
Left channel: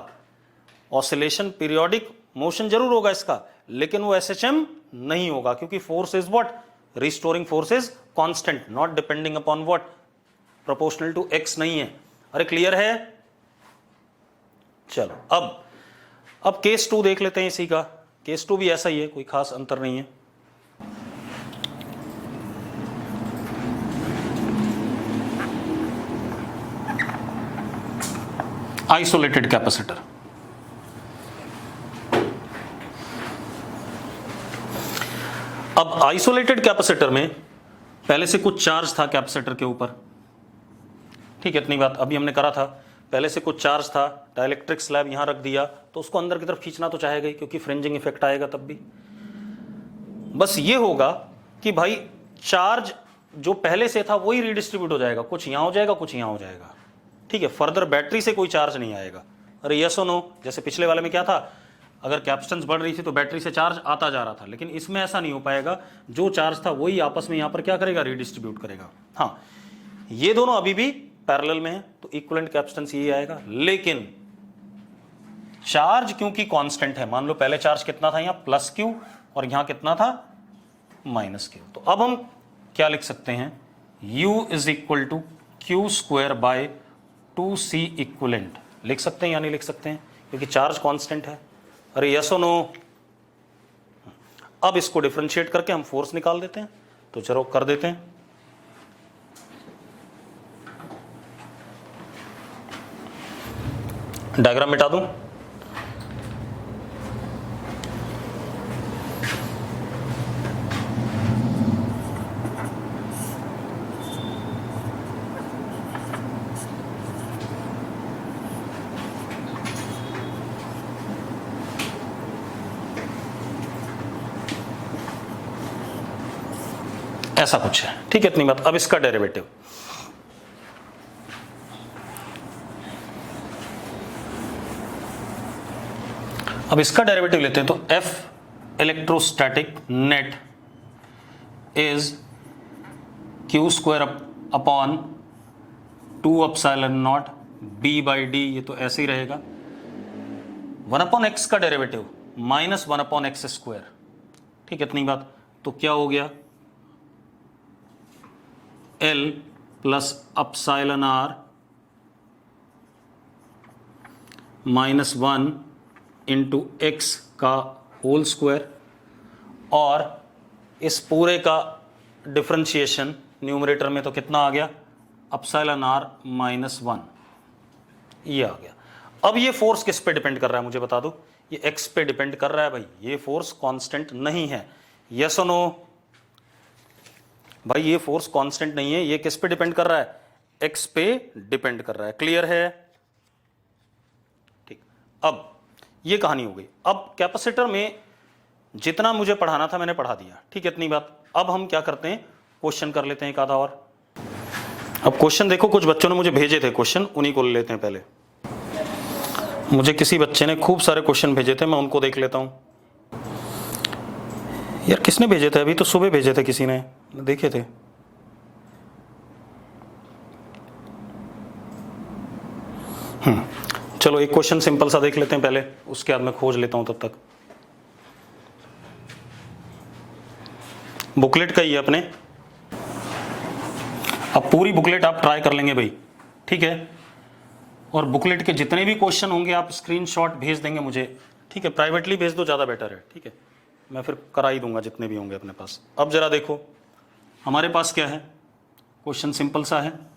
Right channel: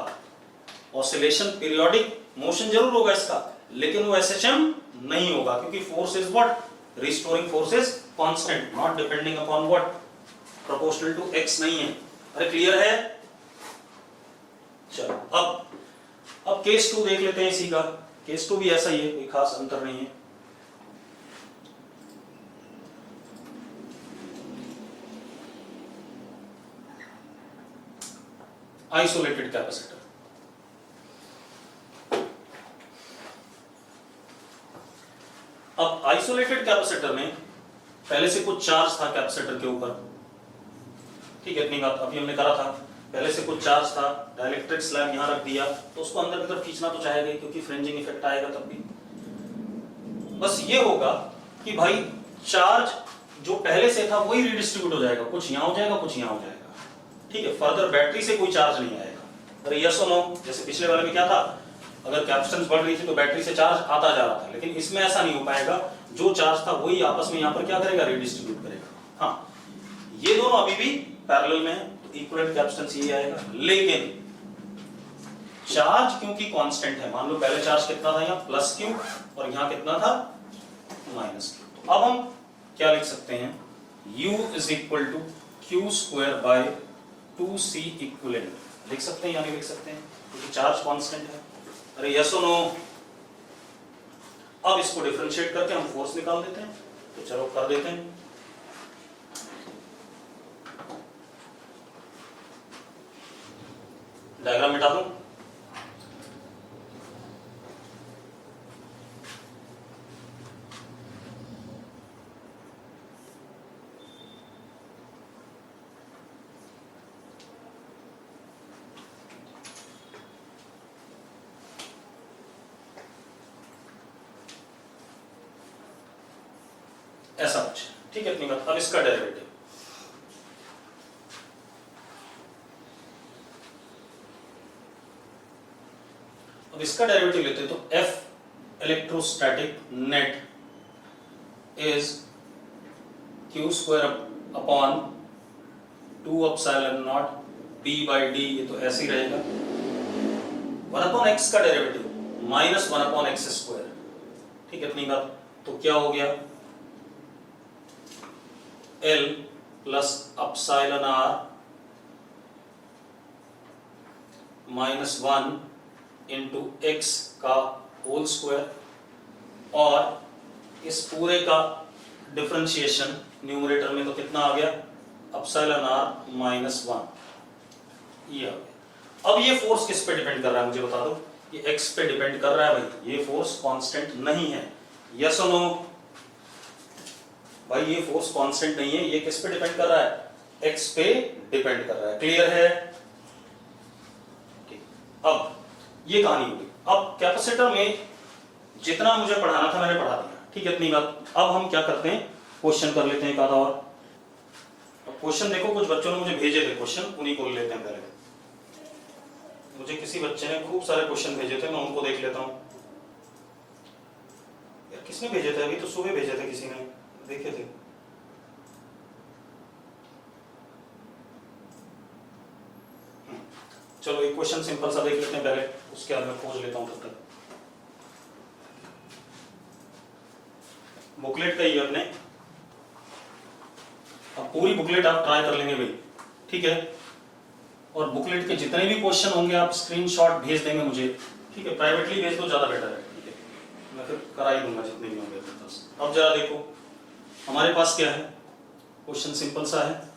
ऑसिलेशन पीरियोडिक मोशन जरूर होगा इसका, लेकिन वो SHM नहीं होगा, क्योंकि force is what, restoring force is constant, not depending upon what, proportional to x नहीं है। अरे क्लियर है? चलो अब केस 2 देख लेते हैं इसी का। केस 2 भी ऐसा ही है, कोई खास अंतर नहीं है। Isolated capacitor. अब आइसोलेटेड कैपेसिटर में पहले से कुछ चार्ज था कैपेसिटर के ऊपर, ठीक है, इतनी बात अभी हमने करा था। पहले से कुछ चार्ज था, डाइलेक्ट्रिक स्लैब यहां रख दिया, तो उसको अंदर की तरफ खींचना तो चाहेगा, क्योंकि फ्रिंजिंग इफेक्ट आएगा तब भी। बस ये होगा कि भाई चार्ज जो पहले से था वही रिडिस्ट्रीब्यूट हो जाएगा, कुछ यहां हो जाएगा, कुछ यहां हो जाएगा, ठीक है। फर्दर बैटरी से कोई चार्ज नहीं आएगा। अरे यस और नो, जैसे पिछले वाले में क्या था, अगर कैपेसिटेंस बढ़ रही थी तो बैटरी से चार्ज आता जा रहा था, लेकिन इसमें ऐसा नहीं हो पाएगा। जो चार्ज था वही आपस में यहां पर क्या करेगा, रिडिस्ट्रीब्यूट करेगा। हाँ, ये दोनों अभी भी पैरेलल में है, तो इक्विवेलेंट कैपेसिटेंस ये आएगा। लेकिन चार्ज क्योंकि कांस्टेंट है, मान लो पहले चार्ज कितना था, यहाँ प्लस क्यू, और यहां कितना था, माइनस क्यू, तो अब हम क्या लिख सकते हैं, U is equal to Q square by 2C equivalent लिख सकते हैं या नहीं लिख सकते हैं, क्योंकि चार्ज कांस्टेंट है। अरे यस और नो। अब इसको डिफरेंशिएट करके हम फोर्स निकाल देते हैं, तो चलो कर देते हैं। डायग्राम मिटा दूं, ऐसा कुछ है, ठीक है, इतनी बात। अब इसका डेरिवेटिव, अब इसका डेरिवेटिव लेते हैं, तो F electrostatic net is Q square upon 2 epsilon not B by D, ये तो ऐसे ही रहेगा, 1 अपॉन एक्स का derivative minus 1 upon x square, ठीक है, इतनी बात। तो क्या हो गया, L plus epsilon R minus 1 into x का होल स्क्वायर, और इस पूरे का डिफरेंशिएशन न्यूमरेटर में तो कितना आ गया, एप्सिलॉन R माइनस 1, ये आ गया। अब ये फोर्स किस पे डिपेंड कर रहा है मुझे बता दो, ये x पे डिपेंड कर रहा है भाई, ये फोर्स कांस्टेंट नहीं है। यस और नो भाई, ये फोर्स कांस्टेंट नहीं है, ये किस पे डिपेंड कर रहा है, x पे डिपेंड कर रहा है। क्लियर है? अब ये कहानी हो गई। अब कैपेसिटर में जितना मुझे पढ़ाना था मैंने पढ़ा दिया, ठीक है, इतनी बात। अब हम क्या करते हैं, क्वेश्चन कर लेते हैं एक आधा और। अब क्वेश्चन देखो, कुछ बच्चों ने मुझे भेजे थे क्वेश्चन, उन्हीं को ले लेते हैं पहले। मुझे किसी बच्चे ने खूब सारे क्वेश्चन भेजे थे, मैं उनको देख लेता हूं। यार किसने भेजे थे, अभी तो सुबह भेजे थे किसी ने, देखे थे। चलो एक क्वेश्चन सिंपल सा देख लेते हैं पहले, उसके बाद मैं खोज लेता हूं तब तक। बुकलेट का ही है अपने, अब पूरी बुकलेट आप ट्राई कर लेंगे भाई, ठीक है। और बुकलेट के जितने भी क्वेश्चन होंगे आप स्क्रीनशॉट भेज देंगे मुझे, ठीक है, प्राइवेटली भेज दो, ज़्यादा बेटर है, ठीक है, मैं फिर करा ही दूंगा जितने भी होंगे अपने पास। अब जरा देखो हमारे पास क्या है, क्वेश्चन सिंपल सा है।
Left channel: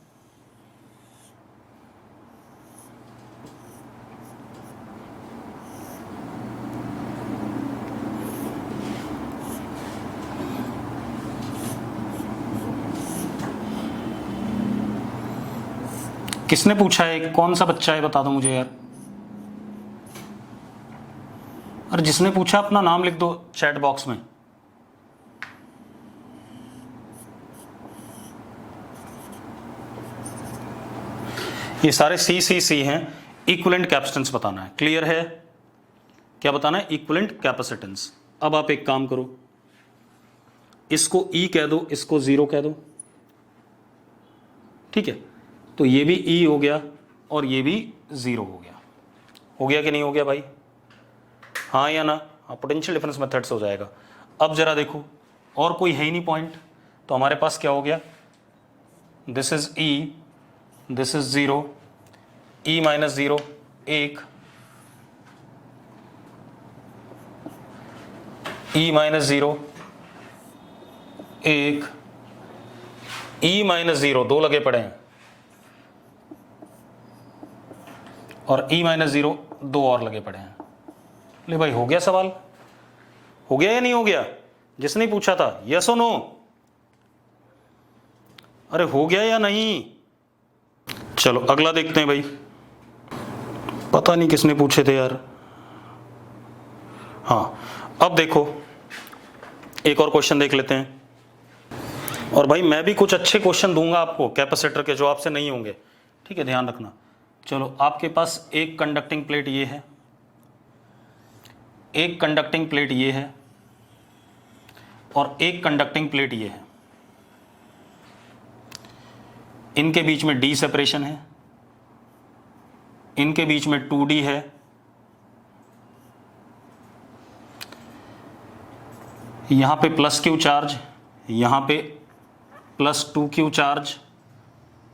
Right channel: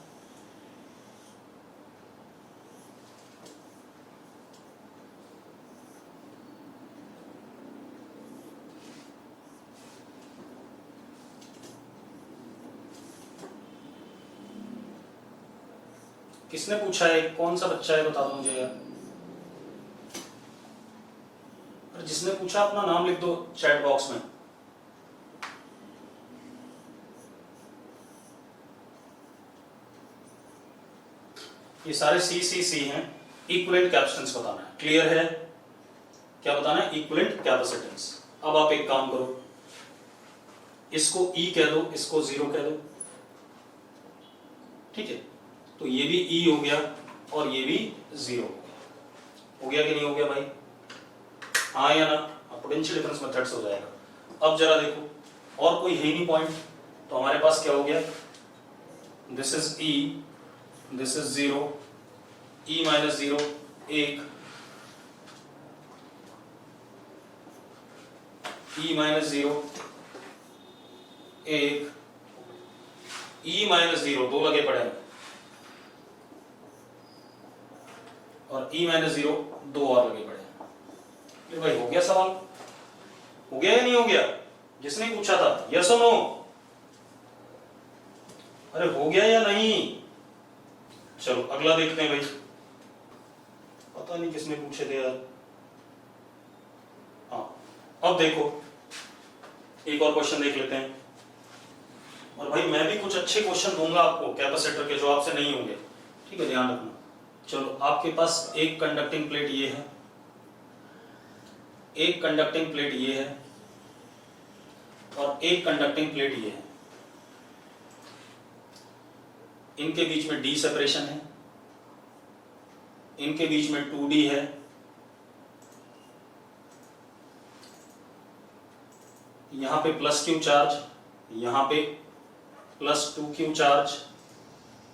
किसने पूछा है, कौन सा बच्चा है बता दो मुझे यार। अरे जिसने पूछा अपना नाम लिख दो चैट बॉक्स में। ये सारे सी हैं, इक्विवेलेंट कैपेसिटेंस बताना है। क्लियर है? क्या बताना है, इक्विवेलेंट कैपेसिटेंस। अब आप एक काम करो, इसको ई कह दो, इसको 0 कह दो, ठीक है, तो ये भी ई हो गया और ये भी 0 हो गया। हो गया कि नहीं हो गया भाई? हाँ या ना? पोटेंशियल डिफरेंस मेथड से हो जाएगा। अब जरा देखो, और कोई है ही नहीं पॉइंट, तो हमारे पास क्या हो गया, this is E, this is 0, E minus 0 1, E minus 0 1, E minus 0 2 लगे पड़े हैं, और E माइनस 0 2 और लगे पड़े हैं। ले भाई, हो गया सवाल? हो गया या नहीं हो गया? जिसने पूछा था यस और नो? अरे हो गया या नहीं? चलो अगला देखते हैं भाई। पता नहीं किसने पूछे थे यार। हाँ, अब देखो एक और क्वेश्चन देख लेते हैं। और भाई मैं भी कुछ अच्छे क्वेश्चन दूंगा आपको कैपेसिटर के, जो आपसे नहीं होंगे, ठीक है, ध्यान रखना। चलो, आपके पास एक कंडक्टिंग प्लेट ये है, एक कंडक्टिंग प्लेट ये है, और एक कंडक्टिंग प्लेट ये है। इनके बीच में D सेपरेशन है, इनके बीच में 2D है, यहां पे +Q चार्ज, यहां पे +2Q चार्ज,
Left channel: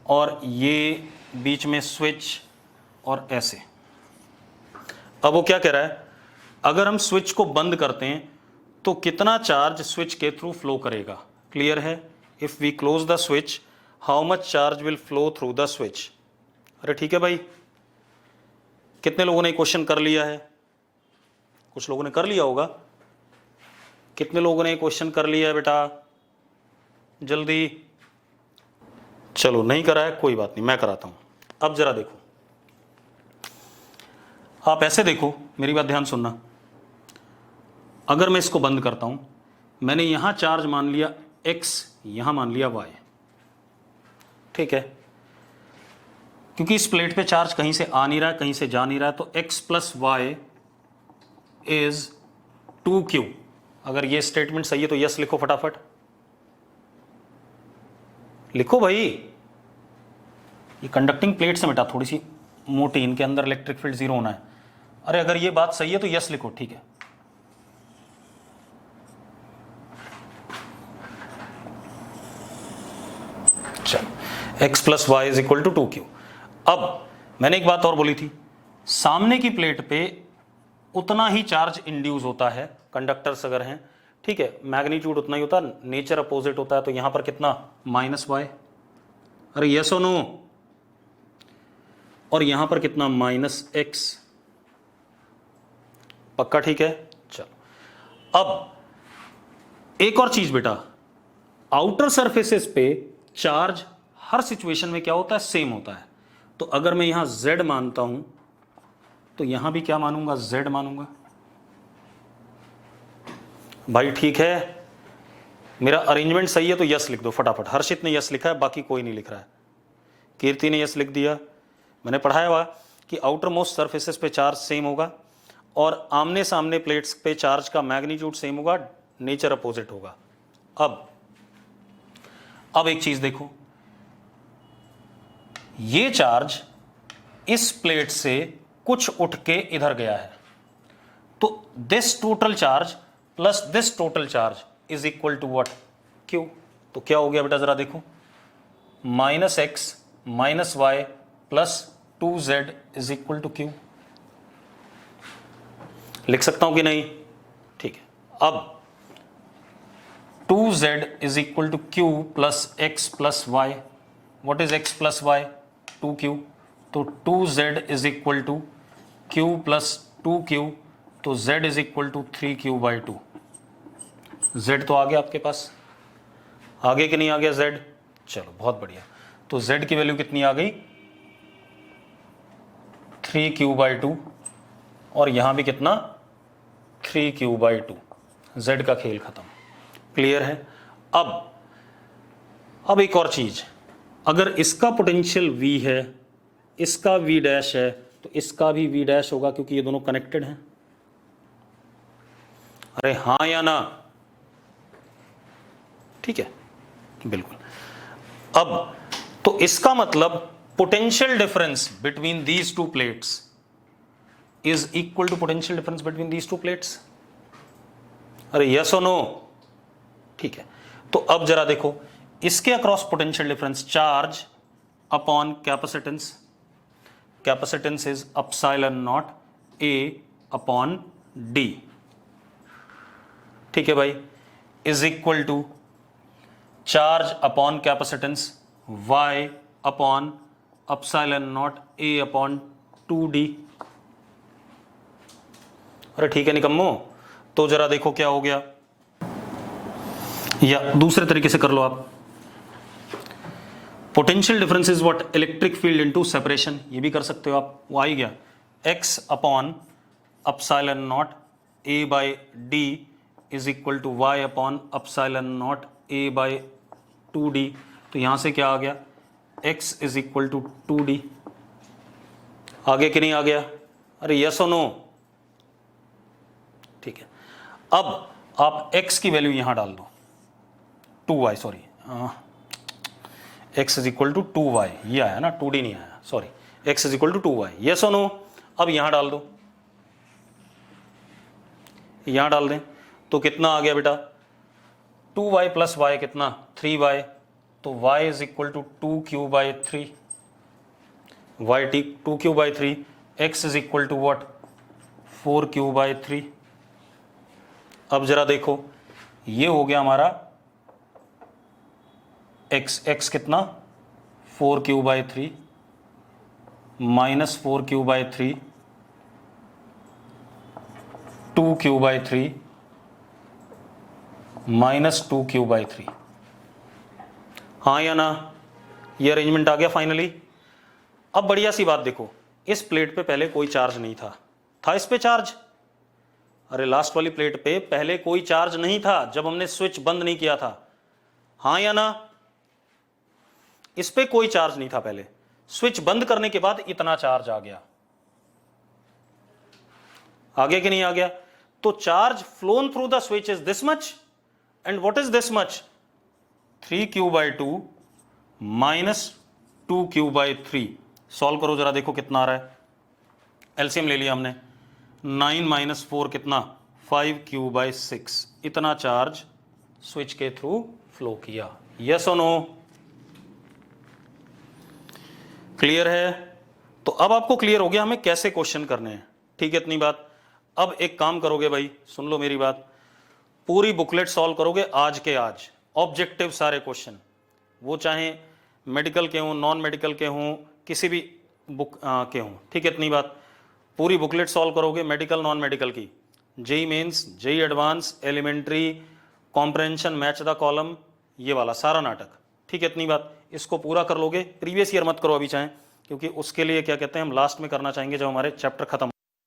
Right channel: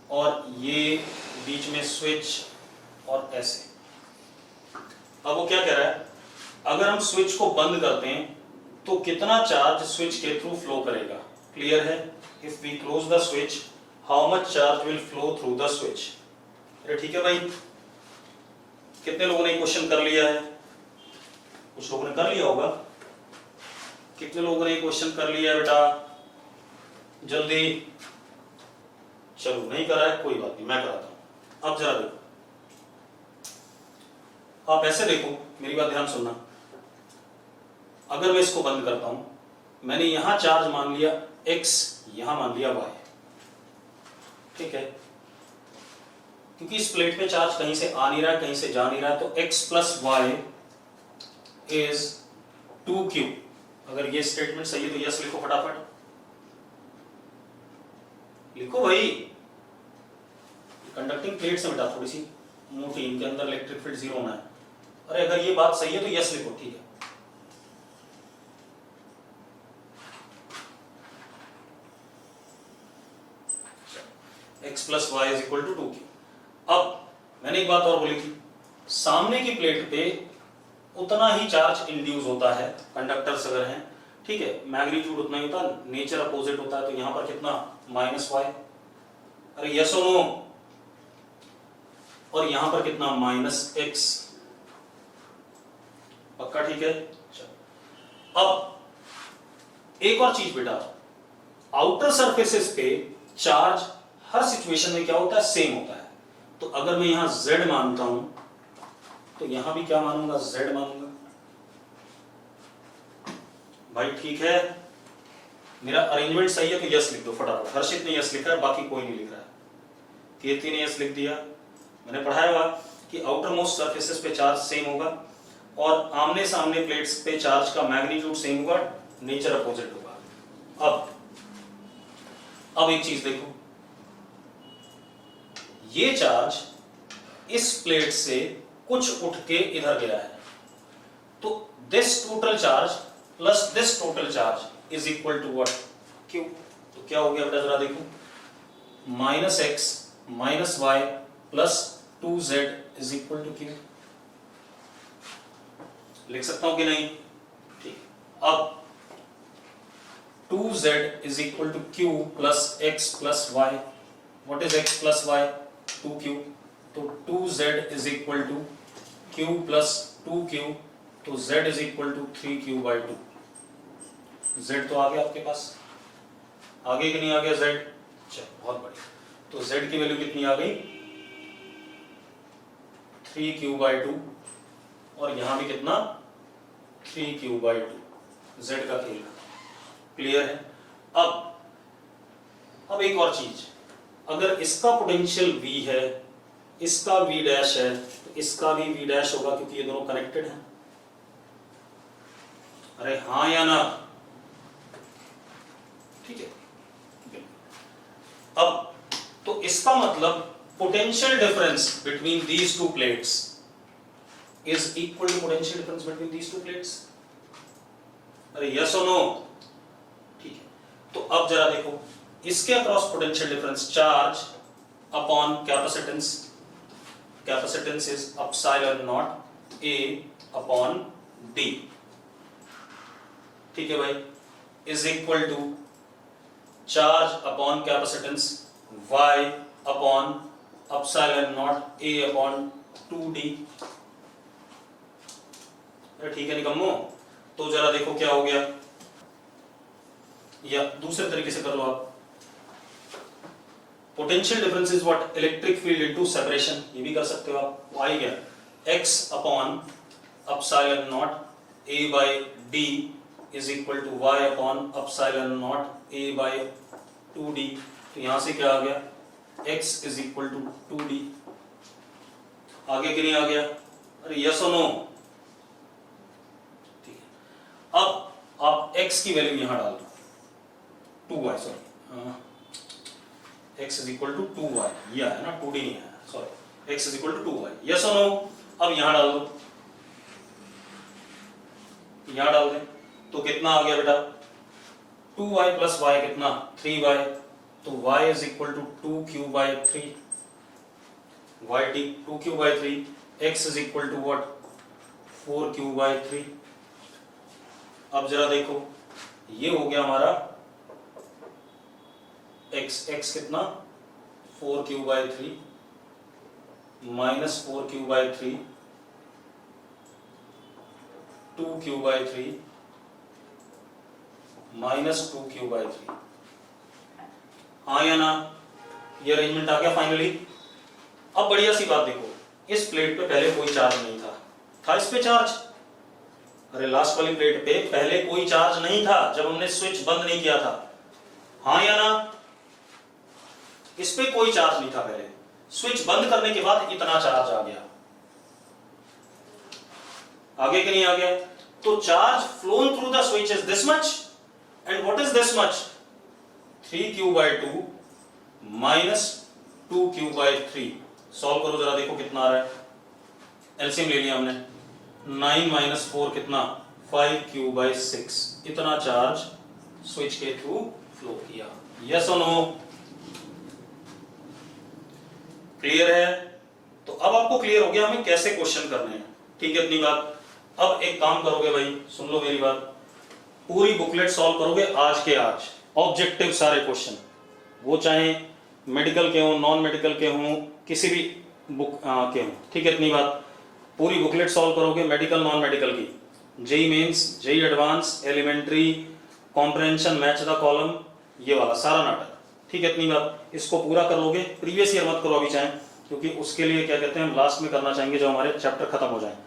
और ये बीच में स्विच, और ऐसे। अब वो क्या कह रहा है, अगर हम स्विच को बंद करते हैं तो कितना चार्ज स्विच के थ्रू फ्लो करेगा? क्लियर है? If we close the switch, how much charge will flow through the switch? अरे ठीक है भाई, कितने लोगों ने क्वेश्चन कर लिया है? कुछ लोगों ने कर लिया होगा। कितने लोगों ने क्वेश्चन कर लिया है बेटा? जल्दी। चलो, नहीं करा है कोई बात नहीं, मैं कराता हूं। अब जरा देखो, आप ऐसे देखो, मेरी बात ध्यान सुनना। अगर मैं इसको बंद करता हूं, मैंने यहां चार्ज मान लिया x, यहां मान लिया y, ठीक है, क्योंकि इस प्लेट पे चार्ज कहीं से आ नहीं रहा है, कहीं से जा नहीं रहा है, तो x plus y is 2Q। अगर ये स्टेटमेंट सही है तो यस लिखो फटाफट, लिखो भाई। ये कंडक्टिंग प्लेट्स है बेटा, थोड़ी सी मोटी, इनके अंदर इलेक्ट्रिक फील्ड 0 होना है। अरे अगर ये बात सही है तो यस लिखो, ठीक है। चलो, x plus y is equal to 2Q। अब मैंने एक बात और बोली थी, सामने की प्लेट पे उतना ही चार्ज इंड्यूस होता है, कंडक्टर्स अगर हैं, ठीक है, मैग्नीट्यूड उतना ही होता है, नेचर अपोजिट होता है, तो यहां पर कितना, -y। अरे यस और नो? और यहां पर कितना, -x। पक्का? ठीक है। चलो, अब एक और चीज बेटा, आउटर सरफेसेस पे चार्ज हर सिचुएशन में क्या होता है, सेम होता है। तो अगर मैं यहां z मानता हूं, तो यहां भी क्या मानूंगा, z मानूंगा। भाई ठीक है, मेरा अरेंजमेंट सही है तो यस लिख दो फटाफट। हर्षित ने यस लिखा है, बाकी कोई नहीं लिख रहा है। कीर्ति ने यस लिख दिया। मैंने पढ़ाया हुआ कि आउटर मोस्ट सर्फेसेस पे चार्ज सेम होगा, और आमने सामने प्लेट्स पे चार्ज का मैग्नीट्यूड सेम होगा, नेचर अपोजिट होगा। अब एक चीज देखो, ये चार्ज इस प्लेट से कुछ उठ के इधर गया है, तो this total charge plus this total charge is equal to what, Q। तो क्या हो गया बेटा, जरा देखो, -x minus Y plus 2z is equal to Q। लिख सकता हूं कि नहीं? ठीक है। अब 2z is equal to Q plus x plus Y. What is x plus Y? 2Q। तो 2z is equal to Q plus 2Q, तो z is equal to 3Q/2। z तो आ गया आपके पास, आगे कि नहीं आ गया z? चलो बहुत बढ़िया। तो z की वैल्यू कितनी आ गई, 3Q/2, और यहां भी कितना, 3Q/2। z का खेल खत्म। क्लियर है? अब एक और चीज, अगर इसका पोटेंशियल V है, इसका V डैश है, तो इसका भी V डैश होगा, क्योंकि ये दोनों कनेक्टेड हैं। अरे हाँ या ना? ठीक है, बिल्कुल। अब तो इसका मतलब potential difference between these two plates is equal to potential difference between these two plates? अरे yes or no? ठीक है, तो अब जरा देखो इसके across potential difference charge upon capacitance, capacitance is epsilon not A upon D, ठीक है भाई, is equal to charge upon capacitance y upon epsilon not A upon 2d। अरे ठीक है निकम्मो, तो जरा देखो क्या हो गया, या दूसरे तरीके से कर लो आप, potential difference is what, electric field into separation, ये भी कर सकते हो आप, वो आ ही गया, x upon epsilon not a by d is equal to y upon epsilon not a by 2d। तो यहां से क्या आ गया, x is equal to 2d। आगे कि नहीं आ गया? अरे यस और नो? ठीक है, अब आप x की वैल्यू यहां डाल दो, 2y, sorry x is equal to 2y, ये आया ना, 2d नहीं आया, sorry, x is equal to 2y, yes और नो? अब यहां डाल दो, यहां डाल दें तो कितना आ गया बेटा, 2y प्लस y कितना, 3y, तो y is equal to 2q by 3, y टी 2q by 3, x is equal to what, 4q by 3। अब जरा देखो ये हो गया हमारा x कितना, 4q by 3 minus 4q by 3, 2q by 3 minus 2q by 3, हाँ या ना? ये अरेंजमेंट आ गया फाइनली। अब बढ़िया सी बात देखो, इस प्लेट पे पहले कोई चार्ज नहीं था, था इस पे चार्ज? अरे लास्ट वाली प्लेट पे पहले कोई चार्ज नहीं था जब हमने स्विच बंद नहीं किया था, हाँ या ना? इस पे कोई चार्ज नहीं था पहले, स्विच बंद करने के बाद इतना चार्ज आ गया, आगे कि नहीं आ गया? तो charge phloem through the switch is this much, and what is this much, 3q by 2 minus 2q by 3। Solve करो जरा, देखो कितना आ रहा है, एलसीएम ले लिया हमने, 9 माइनस 4 कितना, 5q बाई 6, इतना चार्ज स्विच के थ्रू फ्लो किया, यस और नो? क्लियर है? तो अब आपको क्लियर हो गया हमें कैसे क्वेश्चन करने हैं, ठीक है इतनी बात। अब एक काम करोगे भाई, सुन लो मेरी बात, पूरी बुकलेट सॉल्व करोगे आज के आज, ऑब्जेक्टिव सारे क्वेश्चन, वो चाहे मेडिकल के हों, नॉन मेडिकल के हों, किसी भी बुक के हों, ठीक है इतनी बात। पूरी बुकलेट सॉल्व करोगे, मेडिकल नॉन मेडिकल की, JEE mains, JEE advanced, elementary, comprehension, match the column, ये वाला सारा नाटक, ठीक है इतनी बात। इसको पूरा कर लोगे, प्रीवियस ईयर मत करो अभी चाहे, क्योंकि उसके लिए क्या कहते हैं हम लास्ट में करना चाहेंगे जब हमारे चैप्टर खत्म हो जाए।